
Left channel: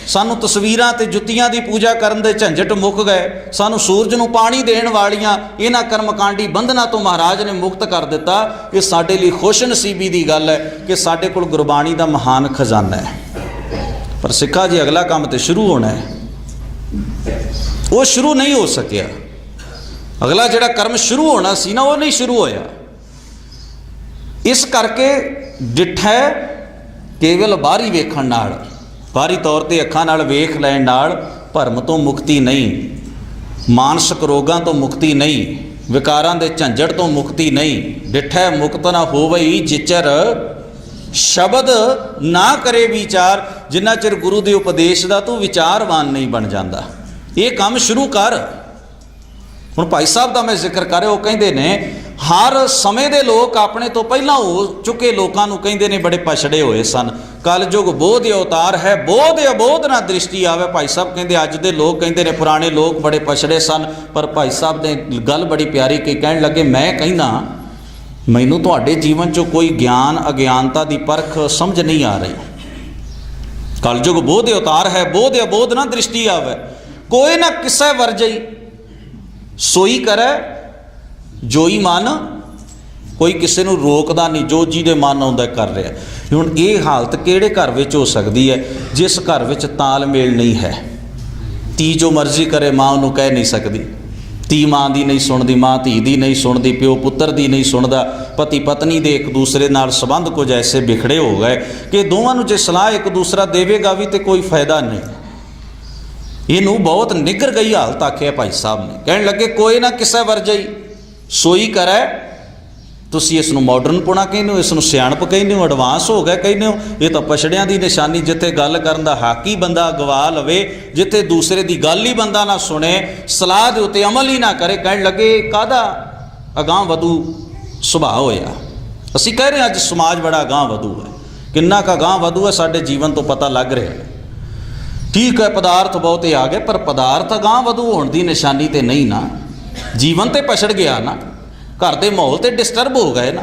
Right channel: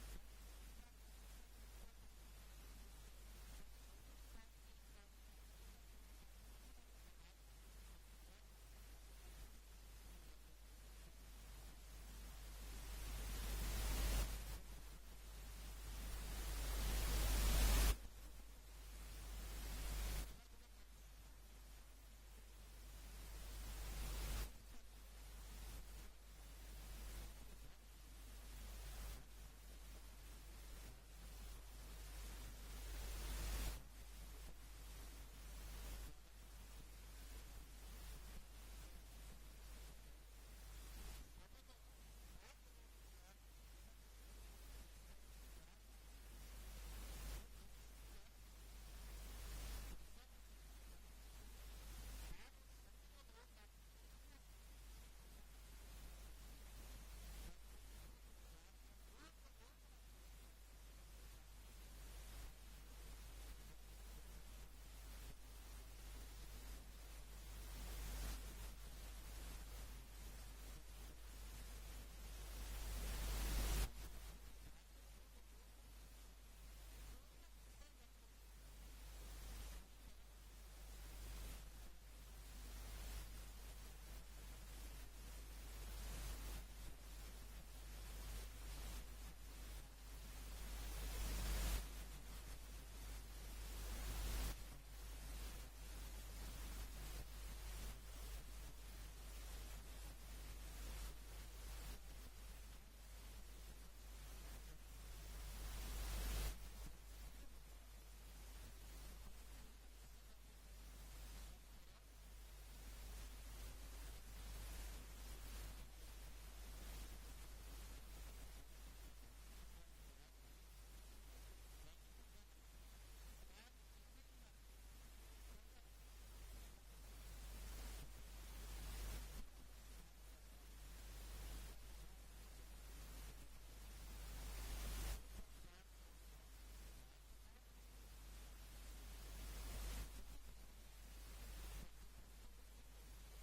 ਸਾਨੂੰ ਤਸਵੀਰਾਂ ਤੇ ਜੁੱਤੀਆਂ ਦੀ ਪੂਜਾ ਕਰਨ ਦੇ ਝੰਜਟ ਮੁੱਕ ਗਏ, ਸਾਨੂੰ ਸੂਰਜ ਨੂੰ ਪਾਣੀ ਦੇਣ ਵਾਲੀਆਂ ਇਹਨਾਂ ਕਰਮਕਾਂਡੀ ਬੰਧਨਾਂ ਤੋਂ ਮਹਾਰਾਜ ਨੇ ਮੁਕਤ ਕਰ ਦਿੱਤਾ। ਇਹ ਸਾਡੇ ਲਈ ਖੁਸ਼ ਨਸੀਬੀ ਦੀ ਗੱਲ ਹੈ ਕਿ ਸਾਡੇ ਕੋਲ ਗੁਰਬਾਣੀ ਦਾ ਮਹਾਨ ਖਜ਼ਾਨਾ ਹੈ। ਪਰ ਸਿੱਖਾ ਜੀ ਅਗਲਾ ਕੰਮ ਤੇ ਸ਼ੁਰੂ ਹੋਣਾ ਹੈ, ਉਹ ਸ਼ੁਰੂ ਨਹੀਂ ਹੋ ਸਕਿਆ। ਅਗਲਾ ਜਿਹੜਾ ਕਰਮ ਸ਼ੁਰੂ ਹੋਣਾ ਸੀ ਨਾ, ਉਹ ਨਹੀਂ ਸ਼ੁਰੂ ਹੋਇਆ। ਇਸ ਕਰਕੇ ਡਿਠੈ ਕੇਵਲ ਬਾਹਰੀ ਵੇਖਣ ਨਾਲ, ਬਾਹਰੀ ਤੌਰ ਤੇ ਅੱਖਾਂ ਨਾਲ ਵੇਖ ਲੈਣ ਨਾਲ ਭਰਮ ਤੋਂ ਮੁਕਤੀ ਨਹੀਂ, ਮਾਨਸਿਕ ਰੋਗਾਂ ਤੋਂ ਮੁਕਤੀ ਨਹੀਂ, ਵਿਕਾਰਾਂ ਦੇ ਝੰਜਟ ਤੋਂ ਮੁਕਤੀ ਨਹੀਂ। ਡਿਠੈ ਮੁਕਤ ਨਾ ਹੋਵਈ ਜਿਚਰ ਸ਼ਬਦ ਨਾ ਕਰੇ ਵਿਚਾਰ। ਜਿੰਨਾ ਚਿਰ ਗੁਰੂ ਦੇ ਉਪਦੇਸ਼ ਦਾ ਤੂੰ ਵਿਚਾਰਵਾਨ ਨਹੀਂ ਬਣ ਜਾਂਦਾ। ਇਹ ਕੰਮ ਸ਼ੁਰੂ ਕਰ। ਹੁਣ ਭਾਈ ਸਾਹਿਬ ਦਾ ਮੈਂ ਜ਼ਿਕਰ ਕਰ ਰਿਹਾ, ਉਹ ਕਹਿੰਦੇ ਨੇ ਹਰ ਸਮੇਂ ਦੇ ਲੋਕ ਆਪਣੇ ਤੋਂ ਪਹਿਲਾਂ ਹੋ ਚੁੱਕੇ ਲੋਕਾਂ ਨੂੰ ਕਹਿੰਦੇ ਨੇ ਬੜੇ ਪਛੜੇ ਹੋਏ ਸਨ। ਕਲਯੁਗ ਬੋਧ ਅਵਤਾਰ ਹੈ, ਬੋਧ ਅਬੋਧ ਨਾ ਦ੍ਰਿਸ਼ਟੀ ਆਵੇ। ਭਾਈ ਸਾਹਿਬ ਕਹਿੰਦੇ ਅੱਜ ਦੇ ਲੋਕ ਕਹਿੰਦੇ ਨੇ ਪੁਰਾਣੇ ਲੋਕ ਬੜੇ ਪਛੜੇ ਸਨ। ਪਰ ਭਾਈ ਸਾਹਿਬ ਨੇ ਗੱਲ ਬੜੀ ਪਿਆਰੀ ਕਹੀ, ਕਹਿਣ ਲੱਗੇ ਮੈਂ ਕਹਿੰਦਾ ਮੈਨੂੰ ਤੁਹਾਡੇ ਜੀਵਨ 'ਚੋਂ ਕੋਈ ਗਿਆਨ ਅਗਿਆਨਤਾ ਦੀ ਪਰਖ ਸਮਝ ਨਹੀਂ ਆ ਰਹੀ। ਕਲਯੁਗ ਬੋਧ ਅਵਤਾਰ ਹੈ, ਬੋਧ ਅਬੋਧ ਨਾ ਦ੍ਰਿਸ਼ਟੀ ਆਵੇ। ਕੋਈ ਨਾ ਕਿਸੇ ਵਰਜਈ ਸੋਈ ਕਰੈ ਜੋਈ ਮਨ। ਕੋਈ ਕਿਸੇ ਨੂੰ ਰੋਕਦਾ ਨਹੀਂ, ਜੋ ਜਿਹਦੇ ਮਨ ਆਉਂਦਾ ਕਰ ਰਿਹਾ। ਹੁਣ ਇਹ ਹਾਲਤ ਕਿਹੜੇ ਘਰ ਵਿੱਚ ਹੋ ਸਕਦੀ ਹੈ? ਜਿਸ ਘਰ ਵਿੱਚ ਤਾਲਮੇਲ ਨਹੀਂ ਹੈ। ਧੀ ਜੋ ਮਰਜ਼ੀ ਕਰੇ ਮਾਂ ਉਹਨੂੰ ਕਹਿ ਨਹੀਂ ਸਕਦੀ। ਧੀ ਮਾਂ ਦੀ ਨਹੀਂ ਸੁਣਦੀ, ਮਾਂ ਧੀ ਦੀ ਨਹੀਂ ਸੁਣਦੀ, ਪਿਓ ਪੁੱਤਰ ਦੀ ਨਹੀਂ ਸੁਣਦਾ। ਪਤੀ ਪਤਨੀ ਦੇ ਇੱਕ ਦੂਸਰੇ ਨਾਲ ਸੰਬੰਧ ਕੁਝ ਐਸੇ ਵਿਖੜੇ ਹੋ ਗਏ ਕਿ ਦੋਵਾਂ ਨੂੰ ਜੇ ਸਲਾਹ ਇੱਕ ਦੂਸਰਾ ਦੇਵੇਗਾ ਵੀ ਤੇ ਕੋਈ ਫਾਇਦਾ ਨਹੀਂ। ਇਹਨੂੰ ਬਹੁਤ ਨਿੱਘਰ ਗਈ ਹਾਲਤ ਆਖਿਆ ਭਾਈ ਸਾਹਿਬ ਨੇ। ਕਹਿਣ ਲੱਗੇ ਕੋਈ ਨਾ ਕਿਸੇ ਵਰਜਈ ਸੋਈ ਕਰੈ। ਤੁਸੀਂ ਇਸ ਨੂੰ ਮਾਡਰਨ ਪੁਣਾ ਕਹਿੰਦੇ ਹੋ, ਇਸ ਨੂੰ ਸਿਆਣਪ ਕਹਿੰਦੇ ਹੋ, ਐਡਵਾਂਸ ਹੋ ਗਿਆ ਕਹਿੰਦੇ ਹੋ। ਇਹ ਤਾਂ ਪਛੜਿਆਂ ਦੀ ਨਿਸ਼ਾਨੀ। ਜਿੱਥੇ ਗੱਲ ਕਰਨ ਦਾ ਹੱਕ ਹੀ ਬੰਦਾ ਗਵਾ ਲਵੇ, ਜਿੱਥੇ ਦੂਸਰੇ ਦੀ ਗੱਲ ਹੀ ਬੰਦਾ ਨਾ ਸੁਣੇ, ਸਲਾਹ ਦੇ ਉੱਤੇ ਅਮਲ ਹੀ ਨਾ ਕਰੇ। ਕਹਿਣ ਲੱਗੇ ਕਾਹਦਾ ਅਗਾਂਹ ਵਧੂ ਸੁਭਾਅ ਹੋਇਆ। ਅਸੀਂ ਕਹਿ ਰਹੇ ਹਾਂ ਅੱਜ ਸਮਾਜ ਬੜਾ ਅਗਾਂਹ ਵਧੂ ਹੈ। ਕਿੰਨਾ ਕੁ ਅਗਾਂਹ ਵਧੂ ਹੈ ਸਾਡੇ ਜੀਵਨ ਤੋਂ ਪਤਾ ਲੱਗ ਰਿਹਾ ਹੈ। ਠੀਕ ਹੈ ਪਦਾਰਥ ਬਹੁਤੇ ਆ ਗਏ, ਪਰ ਪਦਾਰਥ ਅਗਾਂਹ ਵਧੂ ਹੋਣ ਦੀ ਨਿਸ਼ਾਨੀ ਤੇ ਨਹੀਂ ਨਾ। ਜੀਵਨ ਤੇ ਪਛੜ ਗਿਆ ਨਾ, ਘਰ ਦੇ ਮਾਹੌਲ ਤੇ ਡਿਸਟਰਬ ਹੋ ਗਏ ਨਾ।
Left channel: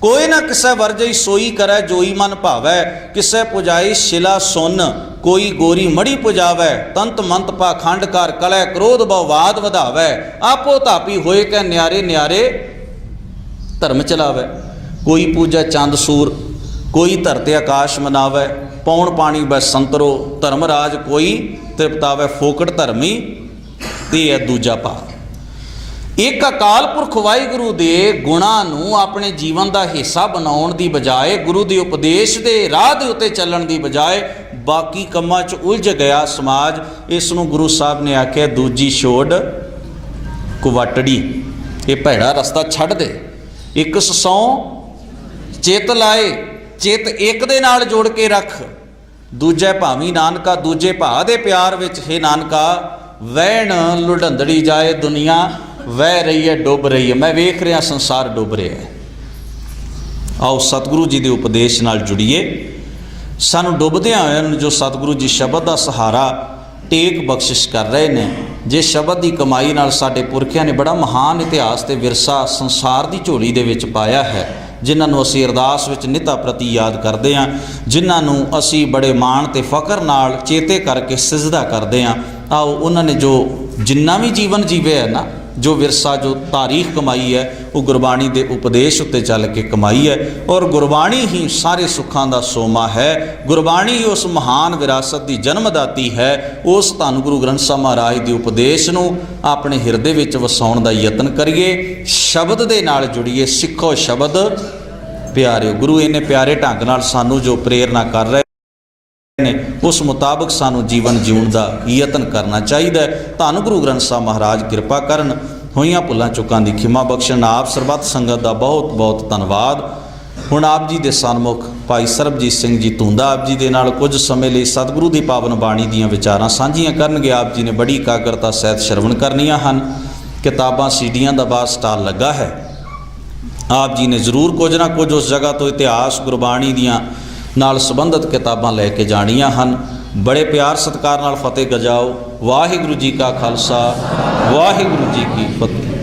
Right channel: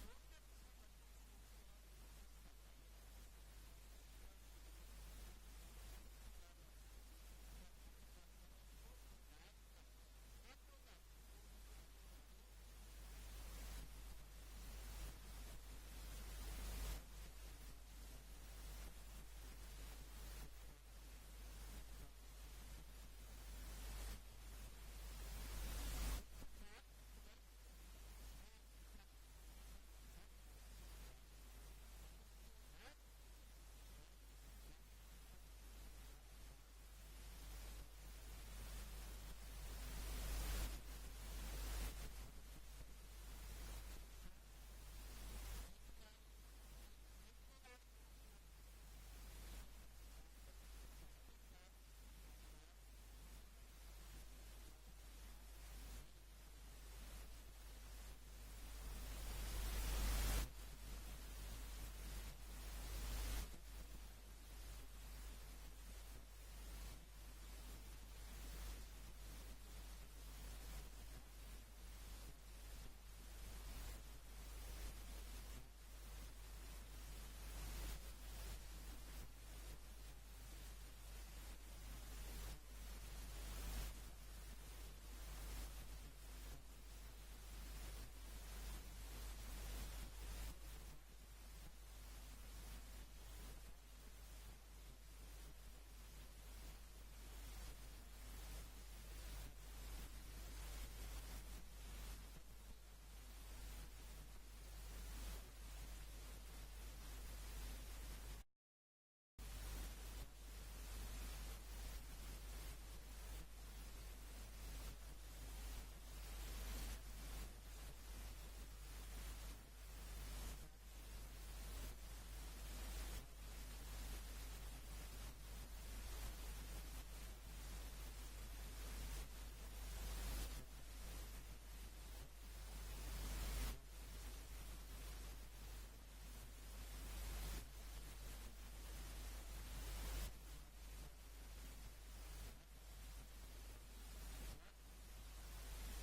ਕੋਈ ਨਾ ਕਿਸੇ ਵਰਜਈ ਸੋਈ ਕਰੈ ਜੋਈ ਮਨ ਭਾਵੈ। ਕਿਸੇ ਪੁਜਾਈ ਸ਼ਿਲਾ ਸੁਨ ਕੋਈ ਗੋਰੀ ਮੜੀ ਪੁਜਾਵੈ। ਤੰਤ ਮੰਤ ਪਾਖੰਡ ਕਰ ਕਲੈ ਕ੍ਰੋਧ ਬਵਾਦ ਵਧਾਵੈ। ਆਪੋ ਧਾਪੀ ਹੋਏ ਕੈ ਨਿਆਰੇ ਨਿਆਰੇ ਧਰਮ ਚਲਾਵੈ। ਕੋਈ ਪੂਜਾ ਚੰਦ ਸੂਰ ਕੋਈ ਧਰਤੇ ਆਕਾਸ਼ ਮਨਾਵੈ। ਪੌਣ ਪਾਣੀ ਬੈ ਸੰਤਰੋ ਧਰਮ ਰਾਜ ਕੋਈ ਤ੍ਰਿਪਤਾਵੈ। ਫੋਕਟ ਧਰਮੀ ਤੇ ਹੈ ਦੂਜਾ ਭਾਵ। ਇੱਕ ਅਕਾਲ ਪੁਰਖ ਵਾਹਿਗੁਰੂ ਦੇ ਗੁਣਾਂ ਨੂੰ ਆਪਣੇ ਜੀਵਨ ਦਾ ਹਿੱਸਾ ਬਣਾਉਣ ਦੀ ਬਜਾਏ, ਗੁਰੂ ਦੇ ਉਪਦੇਸ਼ ਦੇ ਰਾਹ ਦੇ ਉੱਤੇ ਚੱਲਣ ਦੀ ਬਜਾਏ ਬਾਕੀ ਕੰਮਾਂ 'ਚ ਉਲਝ ਗਿਆ ਸਮਾਜ। ਇਸ ਨੂੰ ਗੁਰੂ ਸਾਹਿਬ ਨੇ ਆਖਿਆ ਦੂਜੀ ਛੋੜ ਕੁਵਟੜੀ। ਇਹ ਭੈੜਾ ਰਸਤਾ ਛੱਡ ਦੇ। ਇੱਕ ਸੌ ਚਿੱਤ ਲਾਏ, ਚਿੱਤ ਇੱਕ ਦੇ ਨਾਲ ਜੋੜ ਕੇ ਰੱਖ। ਦੂਜੇ ਭਾਵੀ ਨਾਨਕਾ ਦੂਜੇ ਭਾ ਦੇ ਪਿਆਰ ਵਿੱਚ ਹੈ ਨਾਨਕਾ। ਵਹਿਣ ਲੁਢੰਦੜੀ ਜਾਏ ਦੁਨੀਆ ਵਹਿ ਰਹੀ ਹੈ ਡੁੱਬ ਰਹੀ ਹੈ। ਮੈਂ ਵੇਖ ਰਿਹਾ ਸੰਸਾਰ ਡੁੱਬ ਰਿਹਾ ਹੈ। ਆਓ ਸਤਿਗੁਰੂ ਜੀ ਦੇ ਉਪਦੇਸ਼ ਨਾਲ ਜੁੜੀਏ। ਸਾਨੂੰ ਡੁੱਬਦਿਆਂ ਹੋਇਆਂ ਨੂੰ ਜੋ ਸਤਿਗੁਰੂ ਜੀ ਸ਼ਬਦ ਦਾ ਸਹਾਰਾ ਟੇਕ ਬਖਸ਼ਿਸ਼ ਕਰ ਰਹੇ ਨੇ, ਜੇ ਸ਼ਬਦ ਦੀ ਕਮਾਈ ਨਾਲ ਸਾਡੇ ਪੁਰਖਿਆਂ ਨੇ ਬੜਾ ਮਹਾਨ ਇਤਿਹਾਸ ਤੇ ਵਿਰਸਾ ਸੰਸਾਰ ਦੀ ਝੋਲੀ ਦੇ ਵਿੱਚ ਪਾਇਆ ਹੈ, ਜਿਨ੍ਹਾਂ ਨੂੰ ਅਸੀਂ ਅਰਦਾਸ ਵਿੱਚ ਨਿਤਾ ਪ੍ਰਤੀ ਯਾਦ ਕਰਦੇ ਹਾਂ, ਜਿਨ੍ਹਾਂ ਨੂੰ ਅਸੀਂ ਬੜੇ ਮਾਣ ਤੇ ਫਖਰ ਨਾਲ ਚੇਤੇ ਕਰਕੇ ਸਿਜਦਾ ਕਰਦੇ ਹਾਂ। ਆਓ ਉਹਨਾਂ ਨੇ ਜੋ ਜਿੰਨਾ ਵੀ ਜੀਵਨ ਜੀਵੇ ਹੈ ਨਾ, जो विरसा जो तारीख कमाई है वो गुरबाणी के उपदेश उत्ते चल के कमाई है। और गुरबाणी ही सारे सुखां दा सोमा है। गुरबाणी उस महान विरासत की जन्मदाती है। उस धन गुरु ग्रंथ साहिब महाराज के उपदेश नूं अपने हिरदे विच वसाउण दा यतन करिए। शब्द दे नाल जुड़िए, सिखो शब्द प्यारे। गुरु इन्ने प्यारे ढंग नाल सानू जो प्रेरणा कर रहे ने उस मुताबिक सानू जीवन जीउण दा यतन करना चाहिए। धन गुरु ग्रंथ साहिब महाराज किरपा करन, होईयां भुलां चुकां दी खिमा बख्शण। आप सरबत संगत दा बहुत बहुत धन्नवाद। हुण आप जी दे सन्मुख भाई सरबजीत सिंह जी धुंदा आप जी दे नाल कुछ समय लई सतगुरु दी पावन बाणी दीयां विचारां सांझीआं करनगे। आप जी ने बड़ी एकाग्रता सहित श्रवण करनियां हन। किताबां सीडियां दा बाहर स्टाल लगा है। आप जी ने जरूर कुछ ना कुछ उस जगह तो इतिहास गुरबाणी दीयां नाल संबंधित किताबां लैके जाणियां हन। बड़े प्यार सत्कार नाल फतेह गजाओ। वाहिगुरू जी का खालसा, वाहिगुरू जी की फतेह।